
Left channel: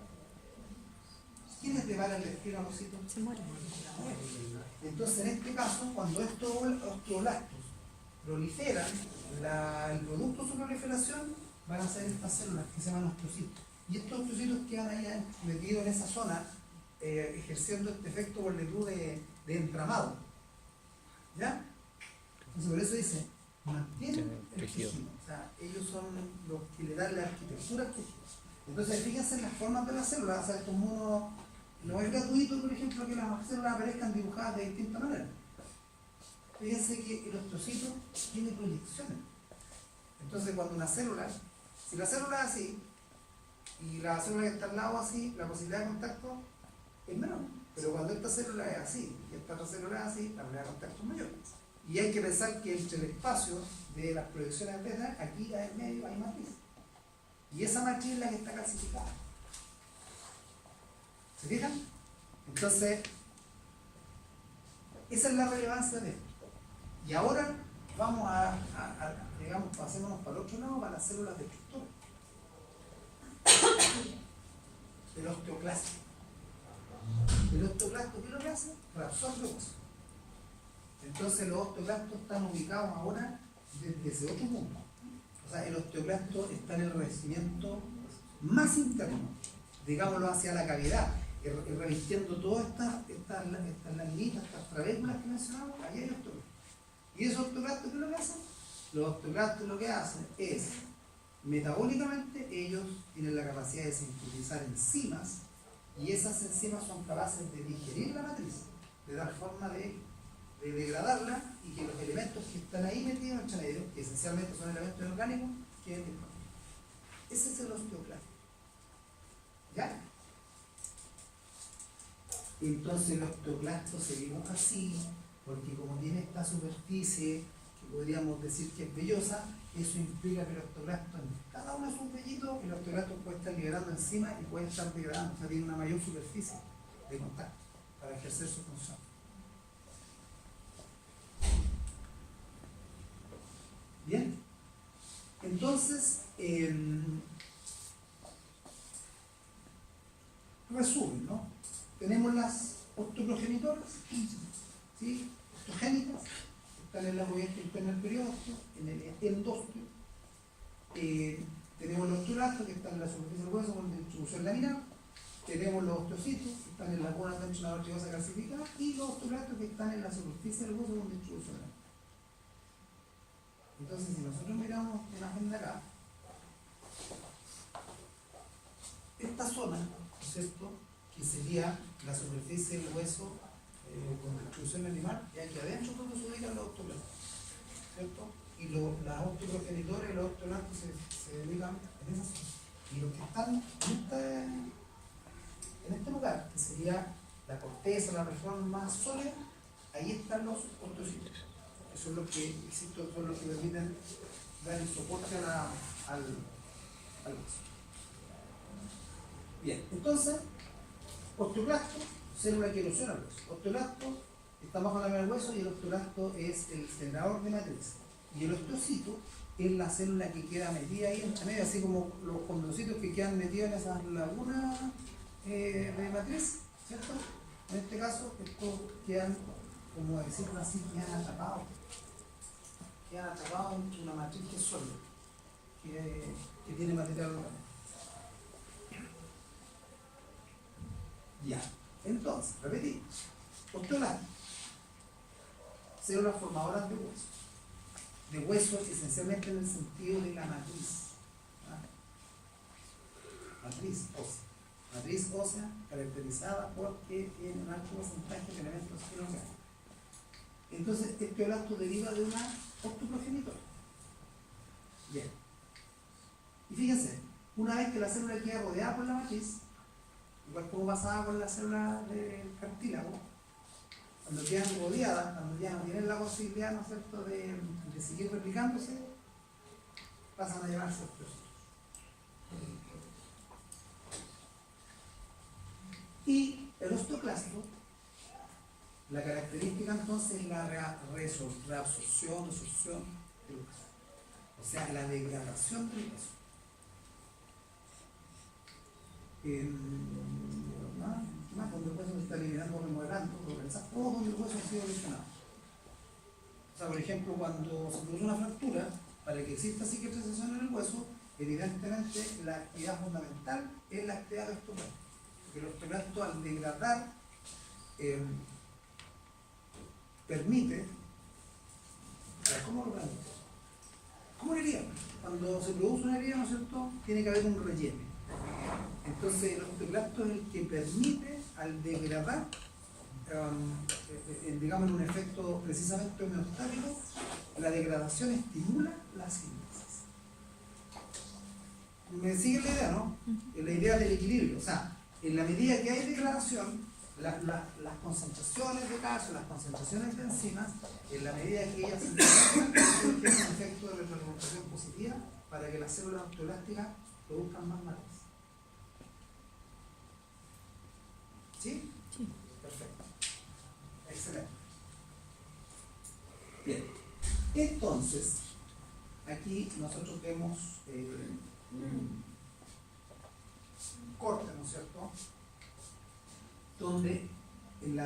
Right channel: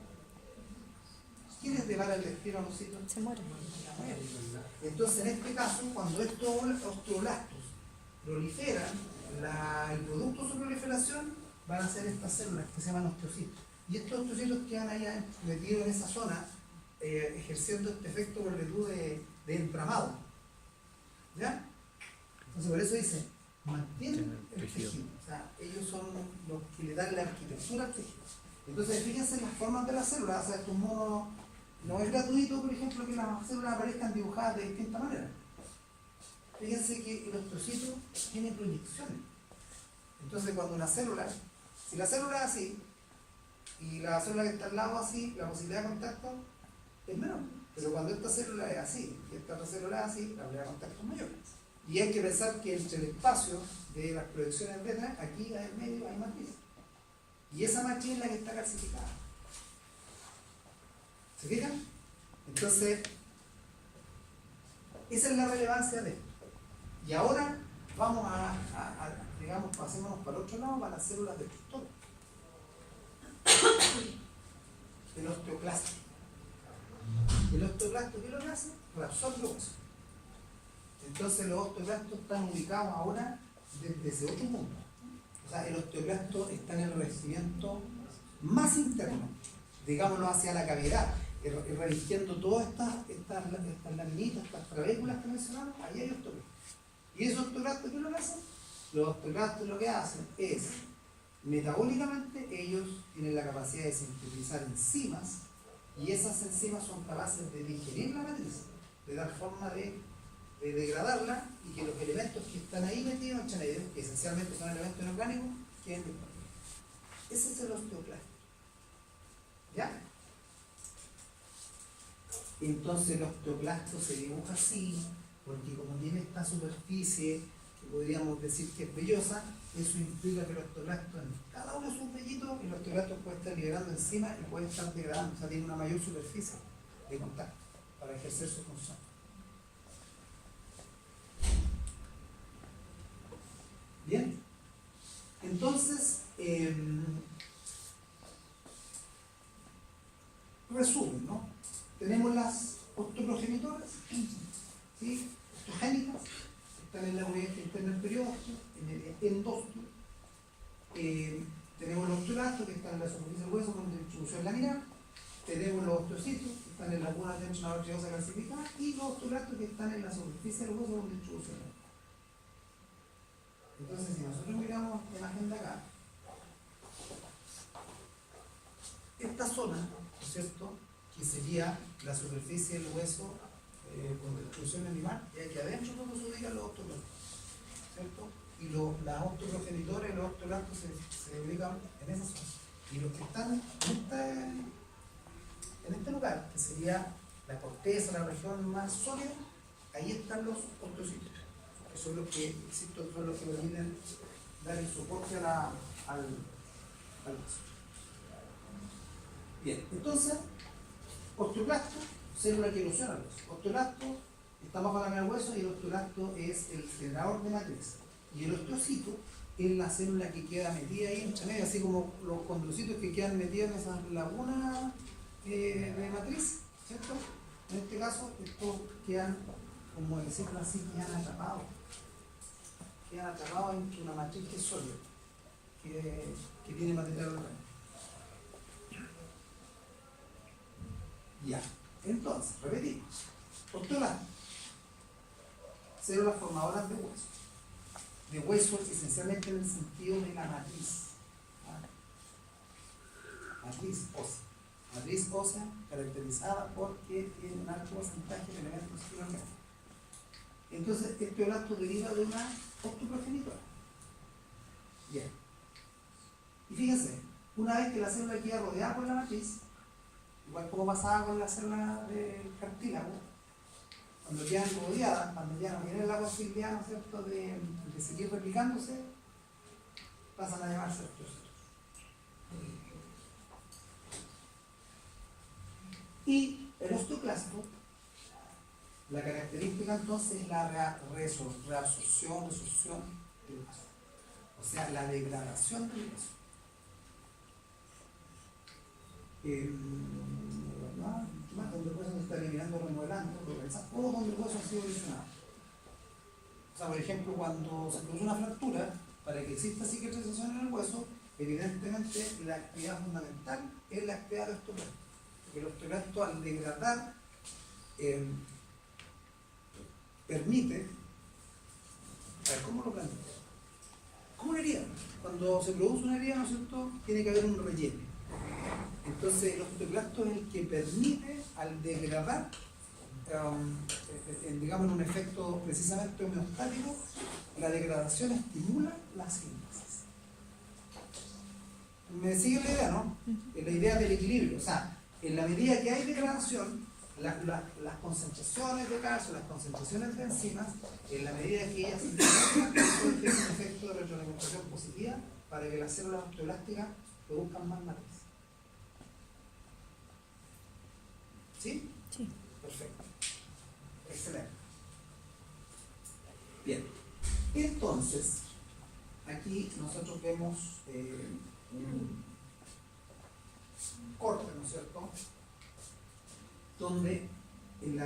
¿Quiénes le van al destino a los citos? Se mueren. Entonces, en este caso, cuando estos osteoblastos proliferan, el producto de su proliferación van a ser estas células que se llaman osteocitos. Y estos osteocitos quedan ahí metidos en esa zona, ejerciendo este efecto por virtud de entramado. ¿Ya? Entonces, por eso dice, mantienen el tejido. O sea, ellos son los que le dan la arquitectura al tejido. Entonces, fíjense en las formas de las células. O sea, estos monos, no es gratuito, por ejemplo, que las células aparezcan dibujadas de distinta manera. Fíjense que el osteocito tiene proyecciones. Entonces, cuando una célula, si la célula es así, y la célula que está al lado así, la posibilidad de contacto es menor. Pero cuando esta célula es así, y esta otra célula es así, la posibilidad de contacto es mayor. Y hay que pensar que entre el espacio de las proyecciones beta, aquí en el medio hay matriz. Y esa matriz es la que está calcificada. ¿Se fijan? Entonces, esa es la relevancia de esto. Y ahora vamos digamos, pasémonos para el otro lado, para las células destructoras. El osteoclasto. El osteoclasto, ¿qué lo que hace? Reabsorbe hueso. Entonces los osteoclastos están ubicados ahora desde ese otro punto. O sea, el osteoclasto está en el revestimiento más interno, digámoslo, hacia la cavidad, revistiendo todas estas laminitas, estas trabéculas que mencionamos. Ahí hay osteoclastos. ¿Y esos osteoclastos qué es lo que hacen? Los osteoclastos lo que hacen es, metabólicamente, ellos tienen la capacidad de sintetizar enzimas, y esas enzimas son capaces de digerir la matriz, de dar forma de degradarla, y que los elementos que están ahí metidos entre medio, que esencialmente son elementos inorgánicos, queden disponibles. Ese es el osteoclasto. ¿Ya? Entonces el osteoclasto se dibuja así, porque como tiene esta superficie, que podríamos decir que es vellosa, eso implica que el osteoclasto en cada uno de sus vellitos, el osteoclasto puede estar liberando enzima y puede estar degradando, o sea, tiene una mayor superficie de contacto para ejercer su función. Bien, entonces, resumen, ¿no? Tenemos las osteoprogenitoras, ¿sí? Osteogénicas, están en la movimiento interna del periósteo, en el endósteo. Tenemos los osteoblastos que están en la superficie del hueso con distribución laminar. Tenemos los osteocitos que están en la cuna dentro de una arteriosa calcificada, y los osteoblastos que están en la superficie del hueso con distribución laminar. Entonces, si nosotros miramos la imagen de acá, esta zona, ¿cierto?, que sería la superficie del hueso con distribución animal, y aquí adentro es donde se ubican los osteoblastos, ¿cierto? Y las osteoprogenitoras y los osteoblastos se ubican en esa zona. Y los que están en este lugar, que sería la corteza, la región más sólida, ahí están los osteocitos. Que son los que, insisto, son los que permiten dar el soporte al hueso. Bien, entonces, osteoblasto, célula que ilusiona al hueso. Osteoblasto está bajo la cámara del hueso y el osteoblasto es el generador de matriz. Y el osteocito es la célula que queda metida ahí entre medio, así como los condrocitos que quedan metidos en esas lagunas de matriz, ¿cierto? En este caso, estos quedan, como decirlo así, quedan atrapados entre una matriz que es sólida, que tiene material orgánico. Ya, entonces, repetimos. Osteoblasto, células formadoras de hueso. De hueso esencialmente en el sentido de la matriz. Matriz ósea. Matriz ósea caracterizada porque tiene un alto porcentaje de elementos inorgánicos. Entonces, este osteoblasto deriva de una osteoprogenitora. Bien. Y fíjense, una vez que la célula queda rodeada por la matriz, igual como pasaba con la célula del cartílago, cuando quedan rodeadas, cuando ya no tienen la posibilidad, ¿no es cierto?, de seguir replicándose, pasan a llamarse osteocitos. Y el osteoclasto, la característica entonces es la reabsorción del hueso, o sea, la degradación del hueso. Donde el hueso se está eliminando, remodelando, o donde el hueso ha sido lesionado. O sea, por ejemplo, cuando se produce una fractura, para que exista cicatrización en el hueso, evidentemente la actividad fundamental es la actividad del osteoblasto. Porque el osteoblasto, al degradar, permite. A ver, ¿cómo lo planteo? ¿Cómo una herida? Cuando se produce una herida, ¿no es cierto?, tiene que haber un relleno. Entonces, el osteoblasto es el que permite, al degradar, digamos en un efecto precisamente homeostático, la degradación estimula la síntesis. ¿Me sigue la idea, no? La idea del equilibrio. O sea, en la medida que hay degradación, las concentraciones de calcio, las concentraciones de enzimas, en la medida que ellas se integran, tiene un efecto de retroalimentación positiva para que las células osteoblásticas produzcan más matriz. ¿Sí? Sí. Perfecto. Excelente. Bien. Entonces, aquí nosotros vemos un corte, ¿no es cierto?, donde en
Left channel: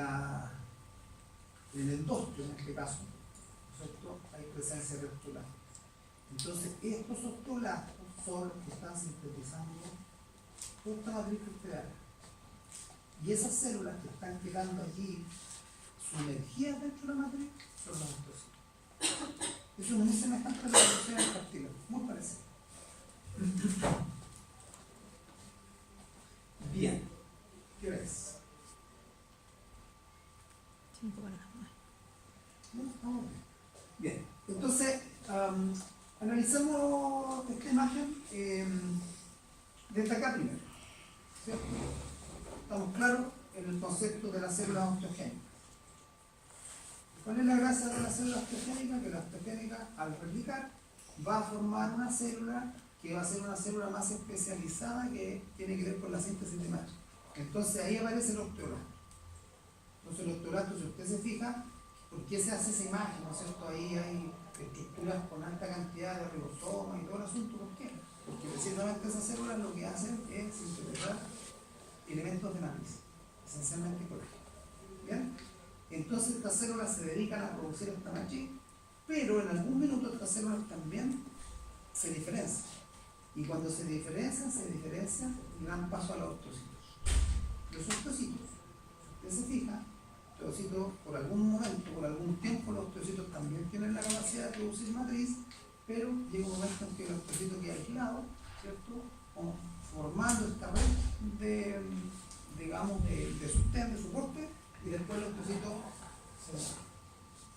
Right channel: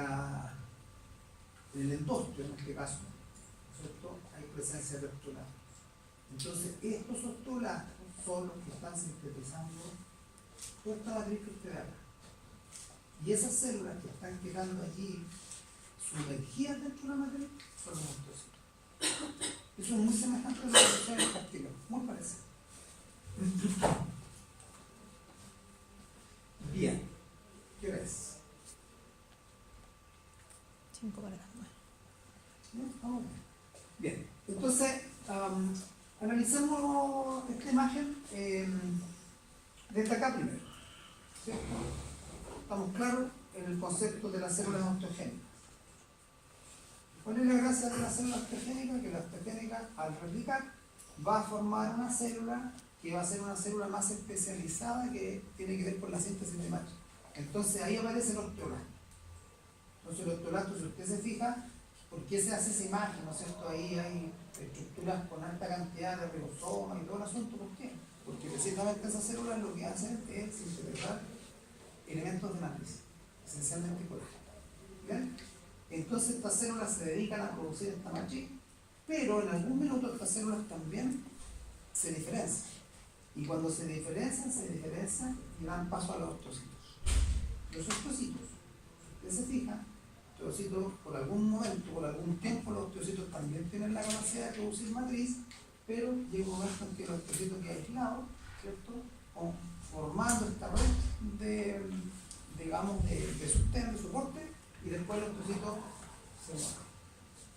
el endósteo, en este caso, ¿no es cierto?, hay presencia de osteoblastos. Entonces, estos osteoblastos son los que están sintetizando esta matriz crustácea. Y esas células que están quedando allí sumergidas dentro de la matriz son los osteocitos. Eso es muy semejante a lo que sucede en el cartílago, muy parecido. Bien, ¿qué hora es? 5 para las 9. ¿No? Bien, entonces analicemos esta imagen desde acá primero, ¿cierto? Estamos claros en el concepto de las células osteogénicas. ¿Cuál es la gracia de la célula osteogénica? Que la osteogénica, al replicar, va a formar una célula que va a ser una célula más especializada que tiene que ver con la síntesis de matriz. Entonces ahí aparece el osteoblasto. Entonces el osteoblasto, si usted se fija, ¿por qué se hace esa imagen? ¿No es cierto? Ahí hay estructuras con alta cantidad de ribosomas y todo el asunto. ¿Por qué? Porque precisamente esas células lo que hacen es sintetizar elementos de matriz, esencialmente colágeno. ¿Bien? Entonces estas células se dedican a producir esta matriz, pero en algún minuto estas células también se diferencian. Y cuando se diferencian y dan paso a los osteocitos. Los osteocitos, si usted se fija, los osteocitos por algún momento, por algún tiempo, los osteocitos también tienen la capacidad de producir matriz, pero llega un momento en que el osteocito queda aislado, ¿cierto?, formando esta red de sustento, de soporte, y después el osteocito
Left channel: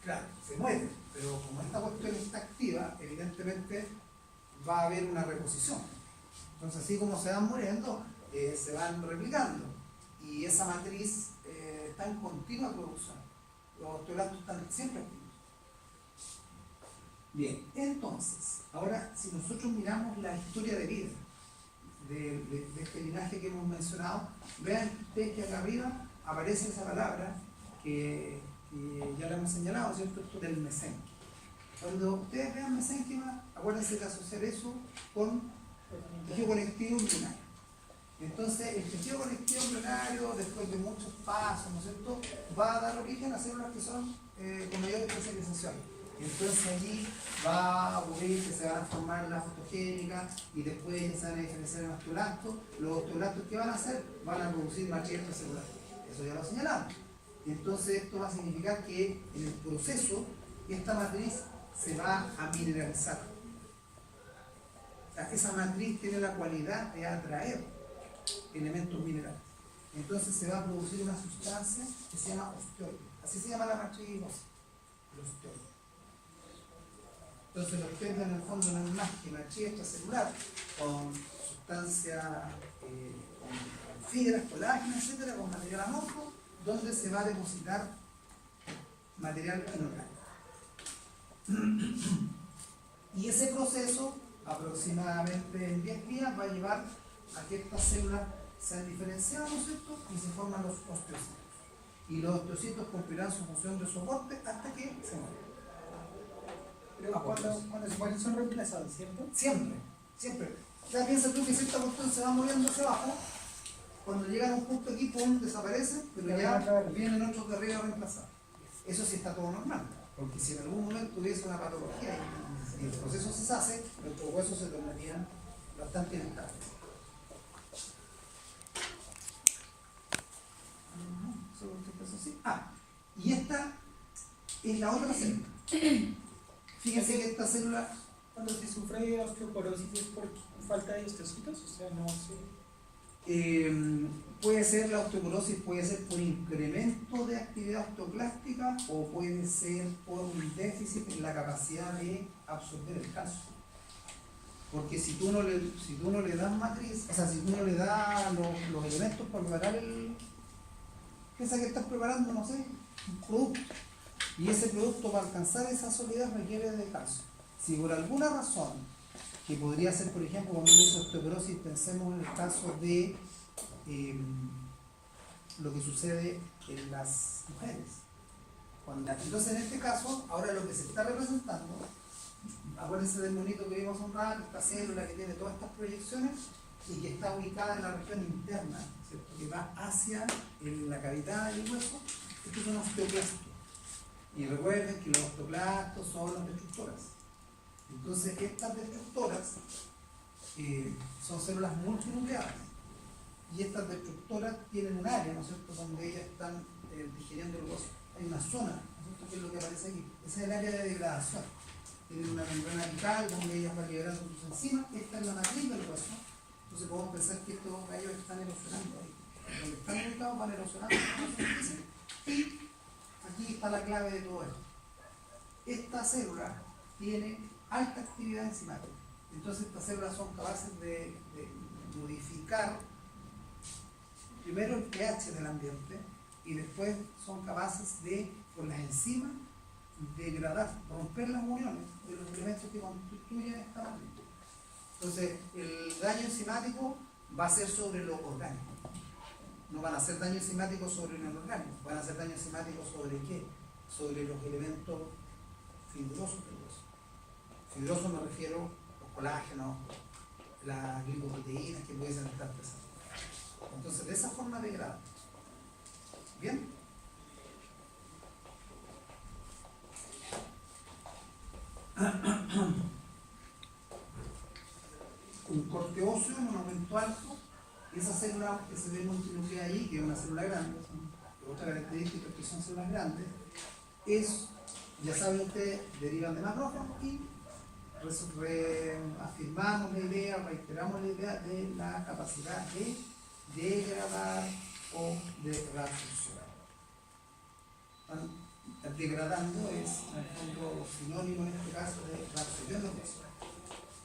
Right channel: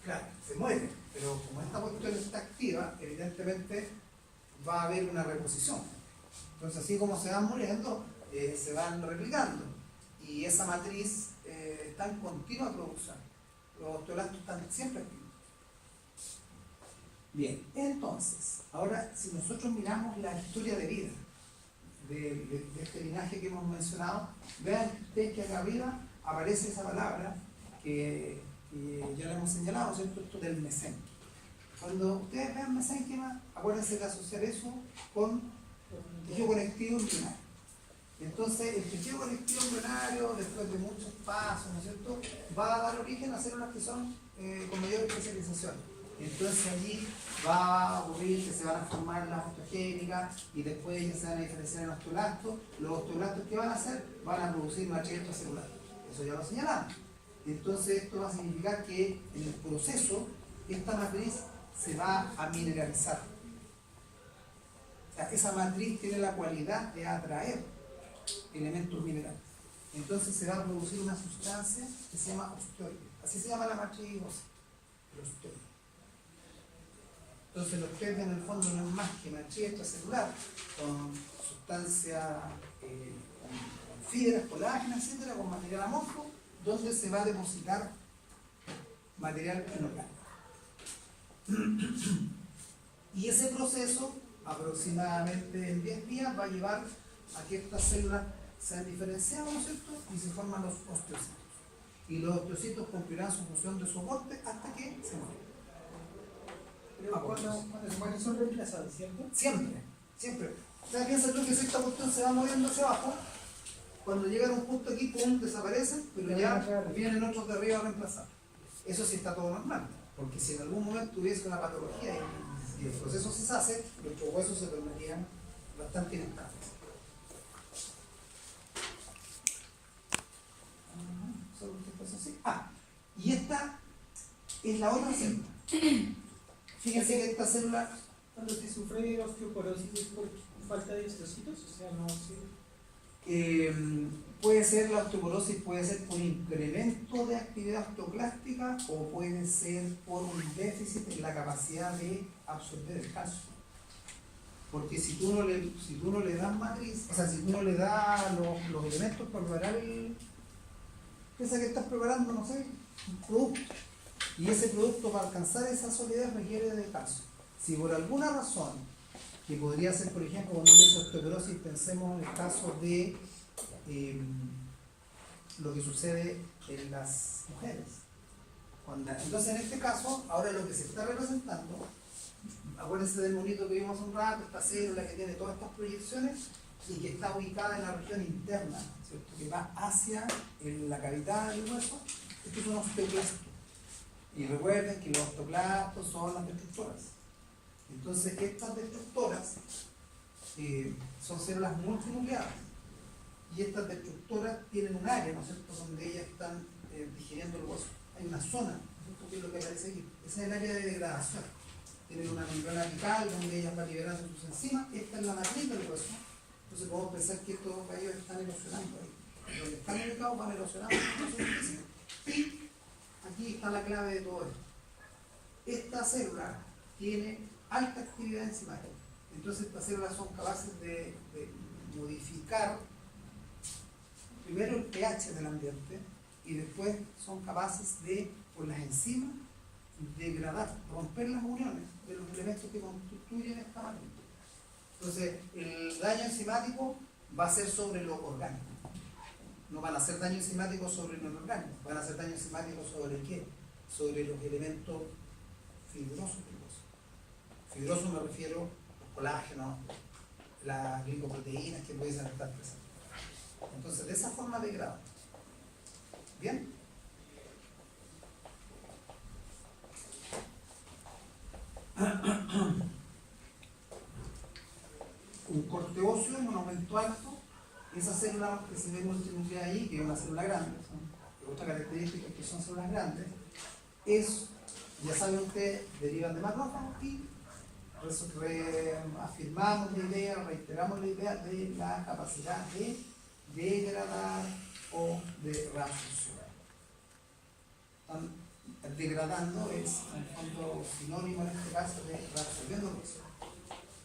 Claro, se muere, pero como esta cuestión está activa, evidentemente va a haber una reposición. Entonces, así como se van muriendo, se van replicando. Y esa matriz está en continua producción. Los osteoblastos están siempre activos. Bien, entonces, ahora si nosotros miramos la historia de vida de este linaje que hemos mencionado, vean ustedes que acá arriba aparece esa palabra que ya la hemos señalado, ¿cierto? Esto del mesénquima. Cuando ustedes vean mesénquima, acuérdense de asociar eso con tejido conectivo embrionario. Entonces, el tejido conectivo embrionario, después de muchos pasos, ¿no es cierto?, va a dar origen a células que son con mayor especialización. Entonces allí va a ocurrir que se van a formar las osteogénicas y después ellas se van a diferenciar en osteoblastos. Los osteoblastos que van a hacer van a producir matriz extracelular. Eso ya lo señalamos. Y entonces esto va a significar que en el proceso esta matriz se va a mineralizar. O sea, esa matriz tiene la cualidad de atraer elementos minerales. Entonces se va a producir una sustancia que se llama osteoide. Así se llama la matriz ósea, el osteoide. Entonces lo que ustedes ven en el fondo no es más que matriz extracelular con sustancia, con fibras, colágeno, etcétera, con material amorfo, donde se va a depositar material inorgánico. Y ese proceso, aproximadamente en 10 días, va a llevar a que estas células sean diferenciadas, ¿no es cierto?, y se forman los osteocitos. Y los osteocitos cumplirán su función de soporte hasta que se mueren. Pero cuando se mueren son reemplazados, ¿cierto? Siempre, siempre. O sea, piensa tú que si esta cuestión se va moviendo hacia abajo, cuando llegan a un punto aquí, pum, desaparecen, pero ya vienen otros de arriba a reemplazar. Eso sí está todo normal, porque si en algún momento hubiese una patología y el proceso se hace, nuestros huesos se tornarían bastante inestables. Y esta es la otra célula. Fíjense que esta célula, Cuando se sufre de osteoporosis es por falta de osteocitos, o sea, no sé. puede ser la osteoporosis, puede ser por incremento de actividad osteoclástica o puede ser por un déficit en la capacidad de absorber el calcio. Porque si tú no le das matriz, o sea, si tú no le das los elementos para preparar piensa que estás preparando, no sé, un producto. Y ese producto para alcanzar esa solidez requiere de calcio. Si por alguna razón, que podría ser, por ejemplo, cuando uno dice osteoporosis, pensemos en el caso de lo que sucede en las mujeres. Entonces, en este caso, ahora lo que se está representando, acuérdense del monito que vimos un rato, esta célula que tiene todas estas proyecciones y que está ubicada en la región interna, ¿cierto?, que va hacia la cavidad del hueso. Estos son los osteoclastos. Y recuerden que los osteoclastos son las destructoras. Entonces, estas destructoras son células multinucleadas. Y estas destructoras tienen un área, ¿no es cierto?, donde ellas están digiriendo el hueso. Hay una zona, ¿no es cierto?, que es lo que aparece aquí. Ese es el área de degradación. Tienen una membrana apical donde ellas van liberando sus enzimas. Esta es la matriz del hueso. Entonces podemos pensar que estos gallos están erosionando ahí. Donde están ubicados van erosionando la superficie. Y aquí está la clave de todo esto. Esta célula tiene alta actividad enzimática. Entonces estas células son capaces de modificar primero el pH del ambiente y después son capaces de, por las enzimas, degradar, romper las uniones de los elementos que constituyen esta matriz. Entonces, el daño enzimático va a ser sobre lo orgánico. No van a hacer daño enzimático sobre lo inorgánico, van a hacer daño enzimático sobre ¿qué? Sobre los elementos fibrosos del hueso. Fibrosos me refiero a los colágenos, las glicoproteínas que pueden estar presentes. Entonces, de esa forma degrada. ¿Bien? Un corte óseo en un aumento alto, esa célula que se ve multinucleada ahí, que es una célula grande, otra característica es que son células grandes, ya saben ustedes, derivan de macrófagos y afirmamos la idea, reiteramos la idea de la capacidad de degradar o de reabsorción. degradando es en el fondo sinónimo en este caso de reabsorbiendo hueso.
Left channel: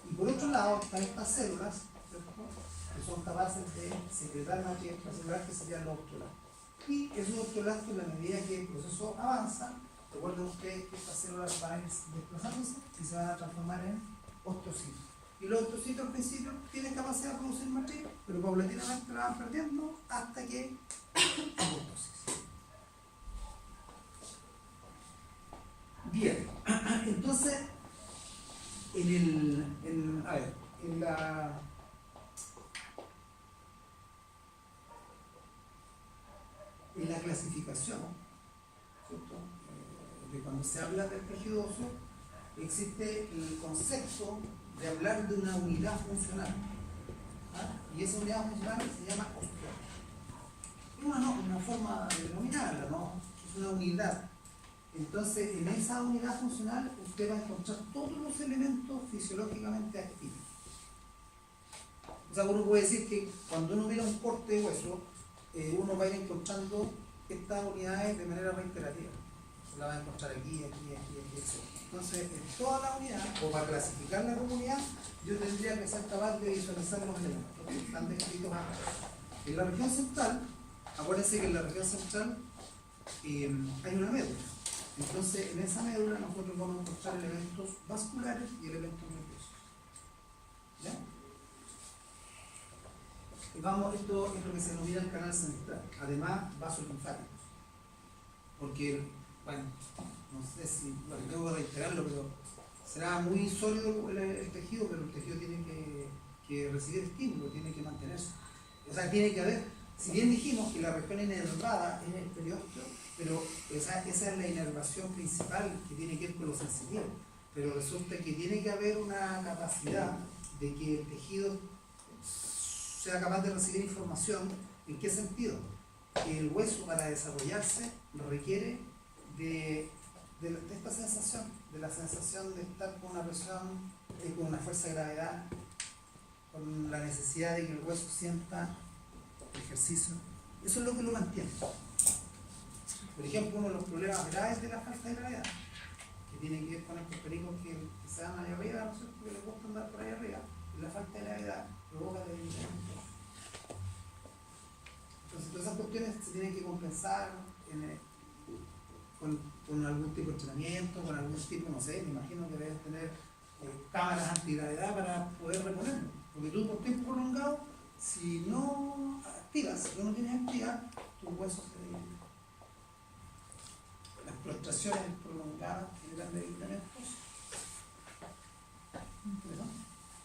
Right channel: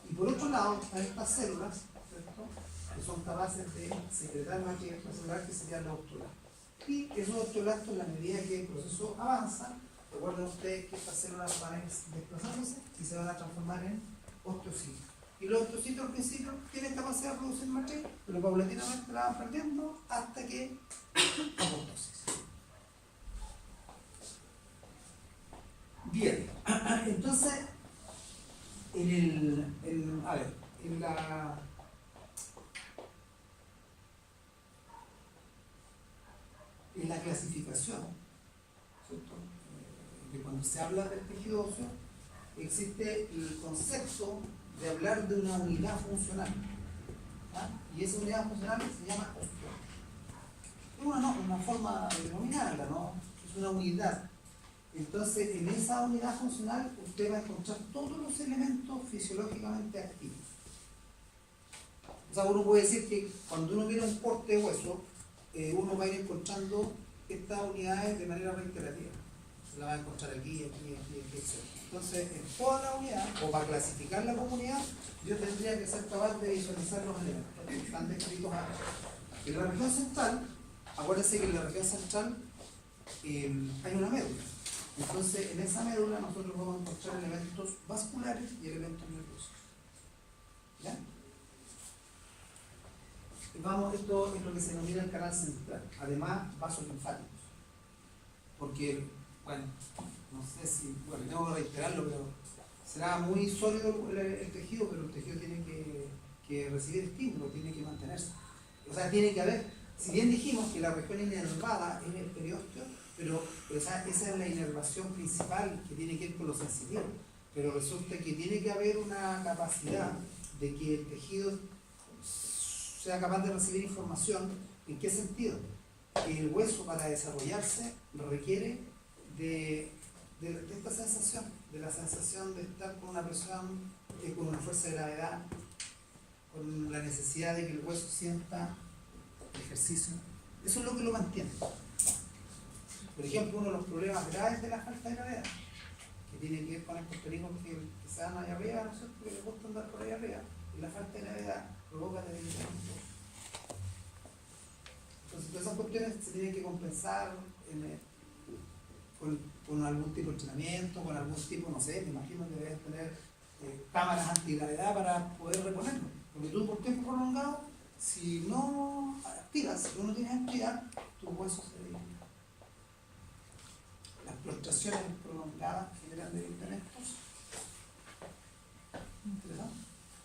Y por otro lado están estas células, ¿cierto?, que son capaces de secretar materia extracelular, que serían los osteoblastos. Y esos osteoblastos, en la medida que el proceso avanza, recuerden ustedes que estas células van a ir desplazándose y se van a transformar en osteocitos. Y los osteocitos al principio tienen capacidad de producir matriz, pero paulatinamente la van perdiendo hasta que apoptosis. Bien, entonces, en la clasificación, ¿cierto?, de cuando se habla del tejido óseo, existe el concepto de hablar de una unidad funcional, ¿verdad? Y esa unidad funcional se llama osteoma. Una forma de denominarla, ¿no? Es una unidad. Entonces, en esa unidad funcional usted va a encontrar todos los elementos fisiológicamente activos. O sea, uno puede decir que cuando uno mira un corte de hueso, uno va a ir encontrando estas unidades de manera reiterativa. Se la va a encontrar aquí, etc. Entonces, en toda la unidad, o para clasificar la comunidad, yo tendría que ser capaz de visualizar los elementos que están descritos acá. En la región central, acuérdense que en la región central hay una médula. Entonces, en esa médula nosotros vamos a encontrar elementos vasculares y elementos nerviosos. ¿Ya? Y vamos, esto es lo que se denomina el canal central. Además, vasos linfáticos. Porque, bueno, no sé si, bueno, tengo que reiterarlo, pero será muy sólido el tejido, pero el tejido tiene que recibir estímulo, tiene que mantenerse. O sea, tiene que haber, si bien dijimos que la región inervada es el periósteo, pero esa es la inervación principal que tiene que ver con lo sensitivo. Pero resulta que tiene que haber una capacidad de que el tejido sea capaz de recibir información. ¿En qué sentido? Que el hueso, para desarrollarse, requiere de esta sensación, de la sensación de estar con una presión, con una fuerza de gravedad, con la necesidad de que el hueso sienta ejercicio. Eso es lo que lo mantiene. Por ejemplo, uno de los problemas graves de la falta de gravedad, que tiene que ver con estos pericos que se dan allá arriba, ¿no es cierto?, que les gusta andar por allá arriba, la falta de gravedad provoca debilitamiento. Entonces, todas esas cuestiones se tienen que compensar con algún tipo de entrenamiento, con algún tipo, no sé, me imagino que debes tener cámaras antigravedad para poder reponerlo. Porque tú, por tiempo prolongado, si no activas, si no tienes actividad, tus huesos se debilitan. Las prostraciones prolongadas generan debilitamientos.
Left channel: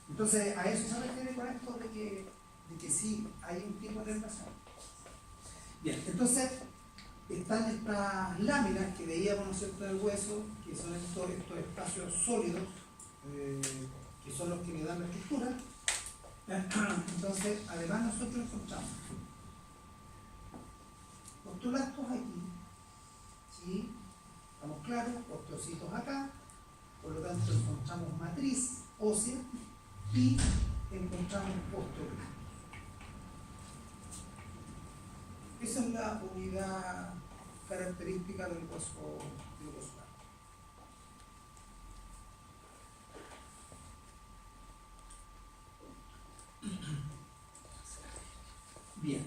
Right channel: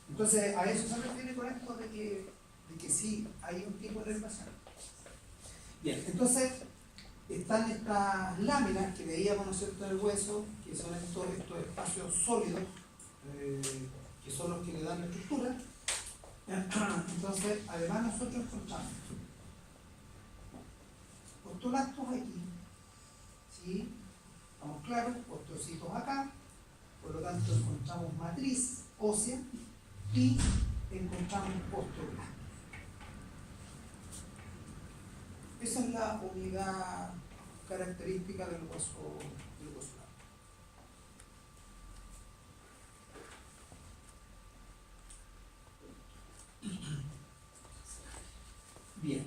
Entonces, a eso se refiere con esto de que sí hay un tipo de inervación. Bien, entonces están estas láminas que veíamos, ¿no es cierto?, en el hueso, que son estos espacios sólidos, que son los que le dan la estructura. Entonces, además nosotros encontramos osteoblastos aquí, ¿sí? Estamos claros, osteocitos acá, por lo tanto encontramos matriz ósea y encontramos osteoblastos. Esa es la unidad característica del hueso largo. Bien,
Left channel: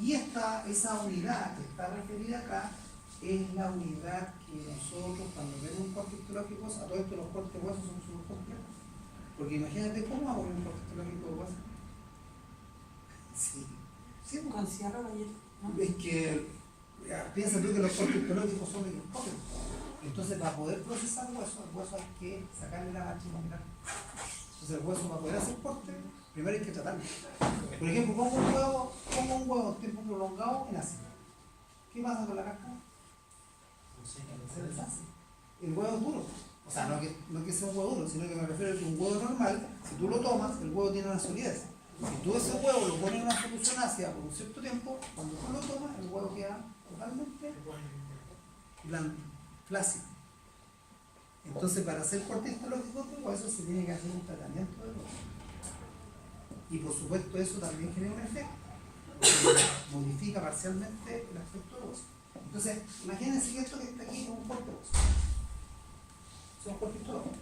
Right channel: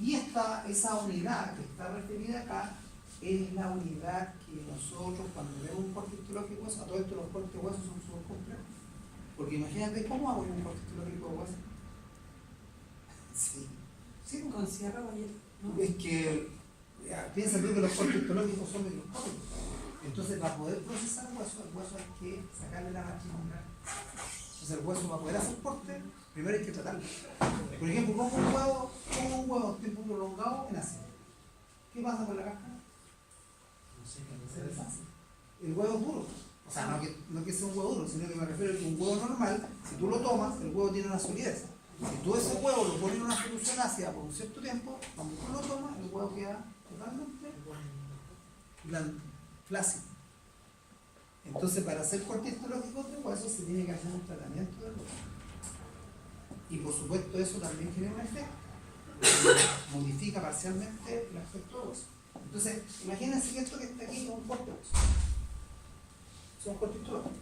y esa unidad que está referida acá es la unidad que nosotros, cuando vemos un corte histológico, a todo esto los cortes de hueso son súper complejos. Porque imagínate cómo hago un corte histológico de hueso. Sí, pues. Con cierre, ¿no? Es que piensa tú que los cortes histológicos son microscópicos. Entonces, para poder procesar el hueso hay que sacarle la matriz muscular. Entonces, el hueso, para poder hacer corte, primero hay que tratarlo. Por ejemplo, pongo un huevo tiempo prolongado en ácido. ¿Qué pasa con la cáscara? Se deshace. El huevo es duro. O sea, no que sea un huevo duro, sino que me refiero a que un huevo normal, si tú lo tomas, el huevo tiene una solidez. Si tú ese huevo lo pones en una solución ácida por un cierto tiempo, cuando tú lo tomas, el huevo queda totalmente blando, flácido. Entonces, para hacer corte histológico de hueso se tiene que hacer un tratamiento del hueso. Y por supuesto eso también genera un efecto, porque modifica parcialmente el aspecto del hueso. Entonces, imagínense que esto que está aquí es un corte óseo. Es un corte histológico.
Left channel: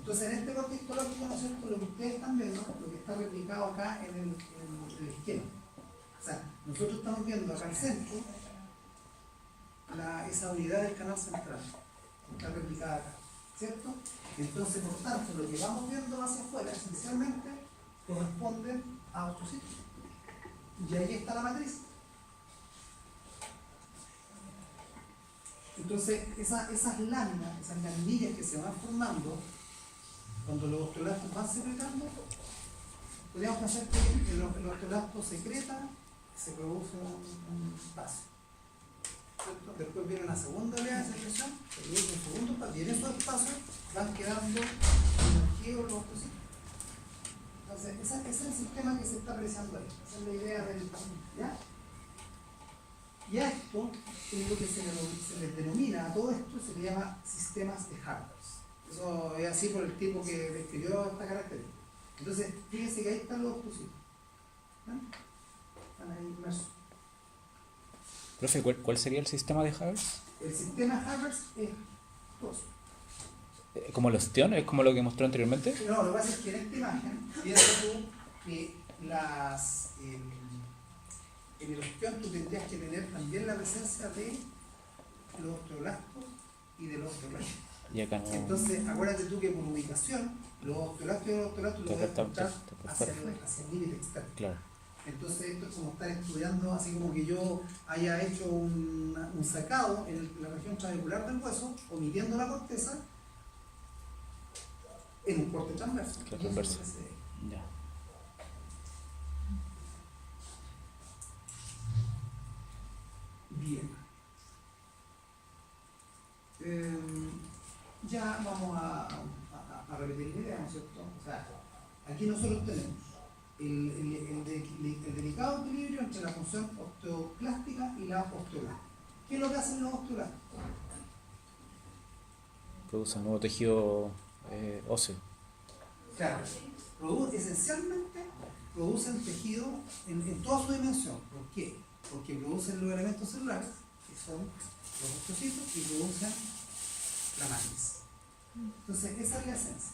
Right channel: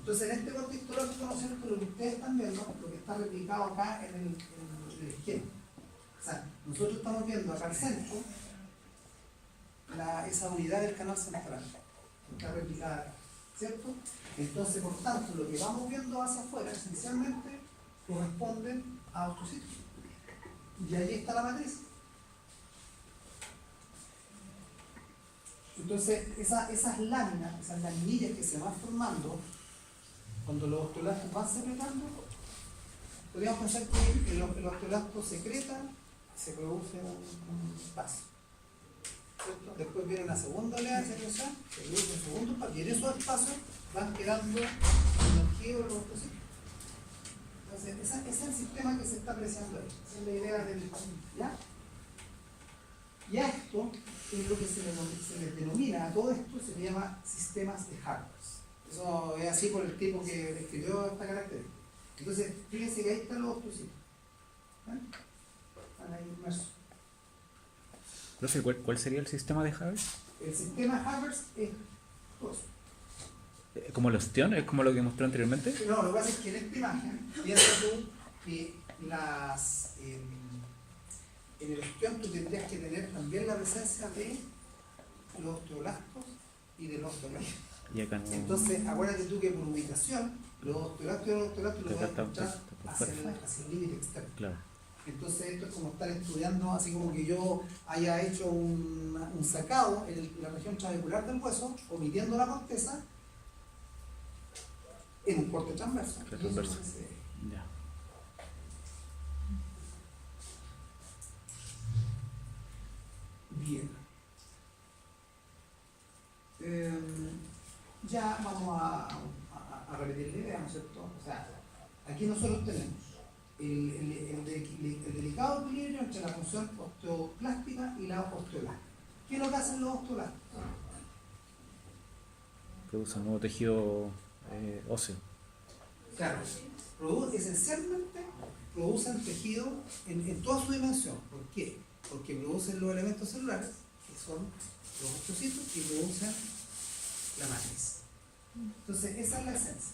Entonces, en este corte histológico, ¿no es cierto? Lo que ustedes están viendo, lo que está replicado acá en el esquema. O sea, nosotros estamos viendo acá al centro esa unidad del canal central, que está replicada acá, ¿cierto? Entonces, por tanto, lo que vamos viendo hacia afuera, esencialmente, corresponden a ostrocitos. Y ahí está la matriz. Entonces, esas láminas, esas laminillas que se van formando, cuando los osteoblastos van secretando, podríamos pensar que el osteoblasto secreta, se produce un espacio. ¿Cierto? Después viene una segunda oleada de secreción, se produce un segundo espacio, y en esos espacios van quedando los arqueos, los ostrocitos. Entonces, ese es el sistema que se está apreciando ahí. Esa es la idea del... ¿Ya? Y a esto es lo que se les denomina, a todo esto se le llama sistemas de Harbers. Eso es así por el tipo que describió esta característica. Entonces, fíjense que ahí están los ostrocitos. ¿Eh? Están ahí inmersos. Profe, ¿cuál sería el sistema de Haber? El sistema Harbers es todo eso. ¿Como el ostión? ¿Es como lo que mostró anteriormente? No, lo que pasa es que en esta imagen, fíjate tú que en el ostión tú tendrías que tener también la presencia de los osteoblastos y de los osteoblastos. Y acá no. Entonces, acuérdate tú que por ubicación, los osteoblastos y los osteoblastos los Que vas a acá encontrar está por hacia fuera. el límite externo. Claro. Entonces, esto es como estar estudiando, así como que yo haya hecho un sacado en la región trabecular del hueso, omitiendo la corteza, en un corte transverso. Transverso. Ya. Bien. Ya vamos a repetir la idea, ¿no es cierto? O sea, aquí nosotros tenemos el delicado equilibrio entre la función osteoclástica y la osteolástica. ¿Qué es lo que hacen los osteolásticos? Produce un nuevo tejido óseo. Claro, esencialmente producen tejido en toda su dimensión. ¿Por qué? Porque producen los elementos celulares, que son los osteocitos, y producen la matriz. Entonces, esa es la esencia.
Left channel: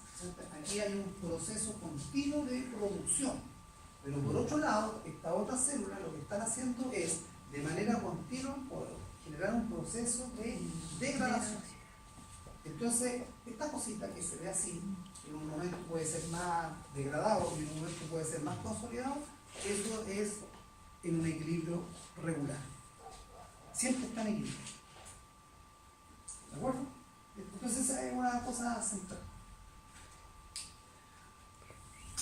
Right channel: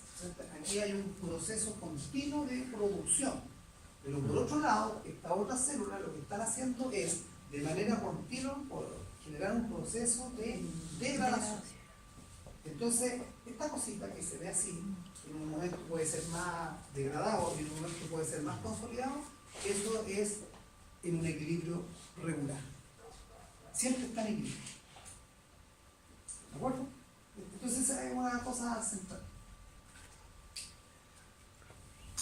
Aquí hay un proceso continuo de producción. Pero por otro lado, estas otras células lo que están haciendo es, de manera continua, generar un proceso de degradación. Entonces, esta cosita que se ve así, en un momento puede ser más degradado y en un momento puede ser más consolidado, eso es en un equilibrio regular. Siempre está en equilibrio. ¿De acuerdo? Entonces, esa es una cosa central.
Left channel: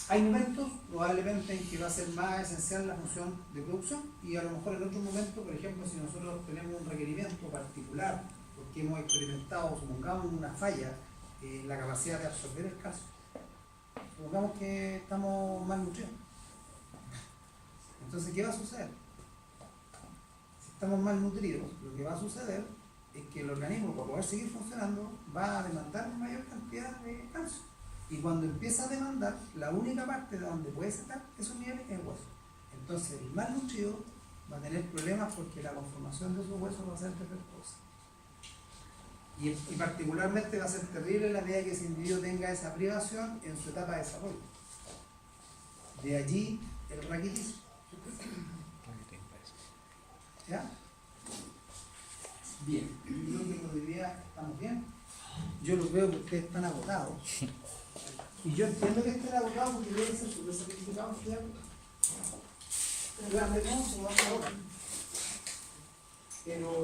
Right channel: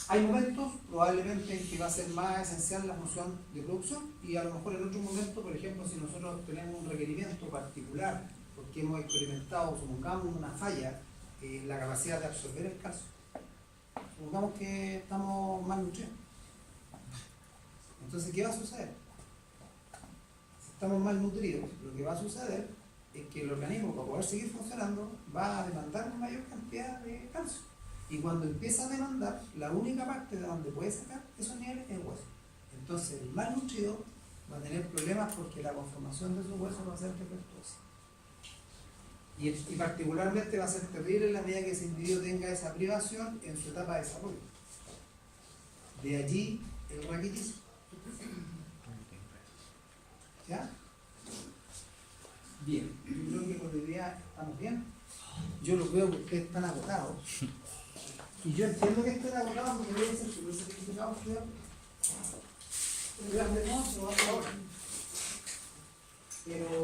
Hay momentos, probablemente, en que va a ser más esencial la función de producción, y a lo mejor en otro momento, por ejemplo, si nosotros tenemos un requerimiento particular, porque hemos experimentado, supongamos, una falla en la capacidad de absorber el calcio, supongamos que estamos mal nutridos. Entonces, ¿qué va a suceder? Si estamos mal nutridos, lo que va a suceder es que el organismo, para poder seguir funcionando, va a demandar mayor cantidad de calcio. Y cuando empieza a demandar, la única parte de donde puede sacar esos niveles es el hueso. Entonces, el mal nutrido va a tener problemas porque la conformación de sus huesos va a ser defectuosa. Y particularmente va a ser terrible en la medida que ese individuo tenga esa privación en su etapa de desarrollo. De allí el raquitismo. ¿Ya? Bien, yo creo que por hoy día estamos bien. Yo los veo que ustedes están agotados. Y yo entiendo que estén agotados porque debe ser súper sacrificado estudiar. Pero ya veremos, se lo va a hacer ahora. Pero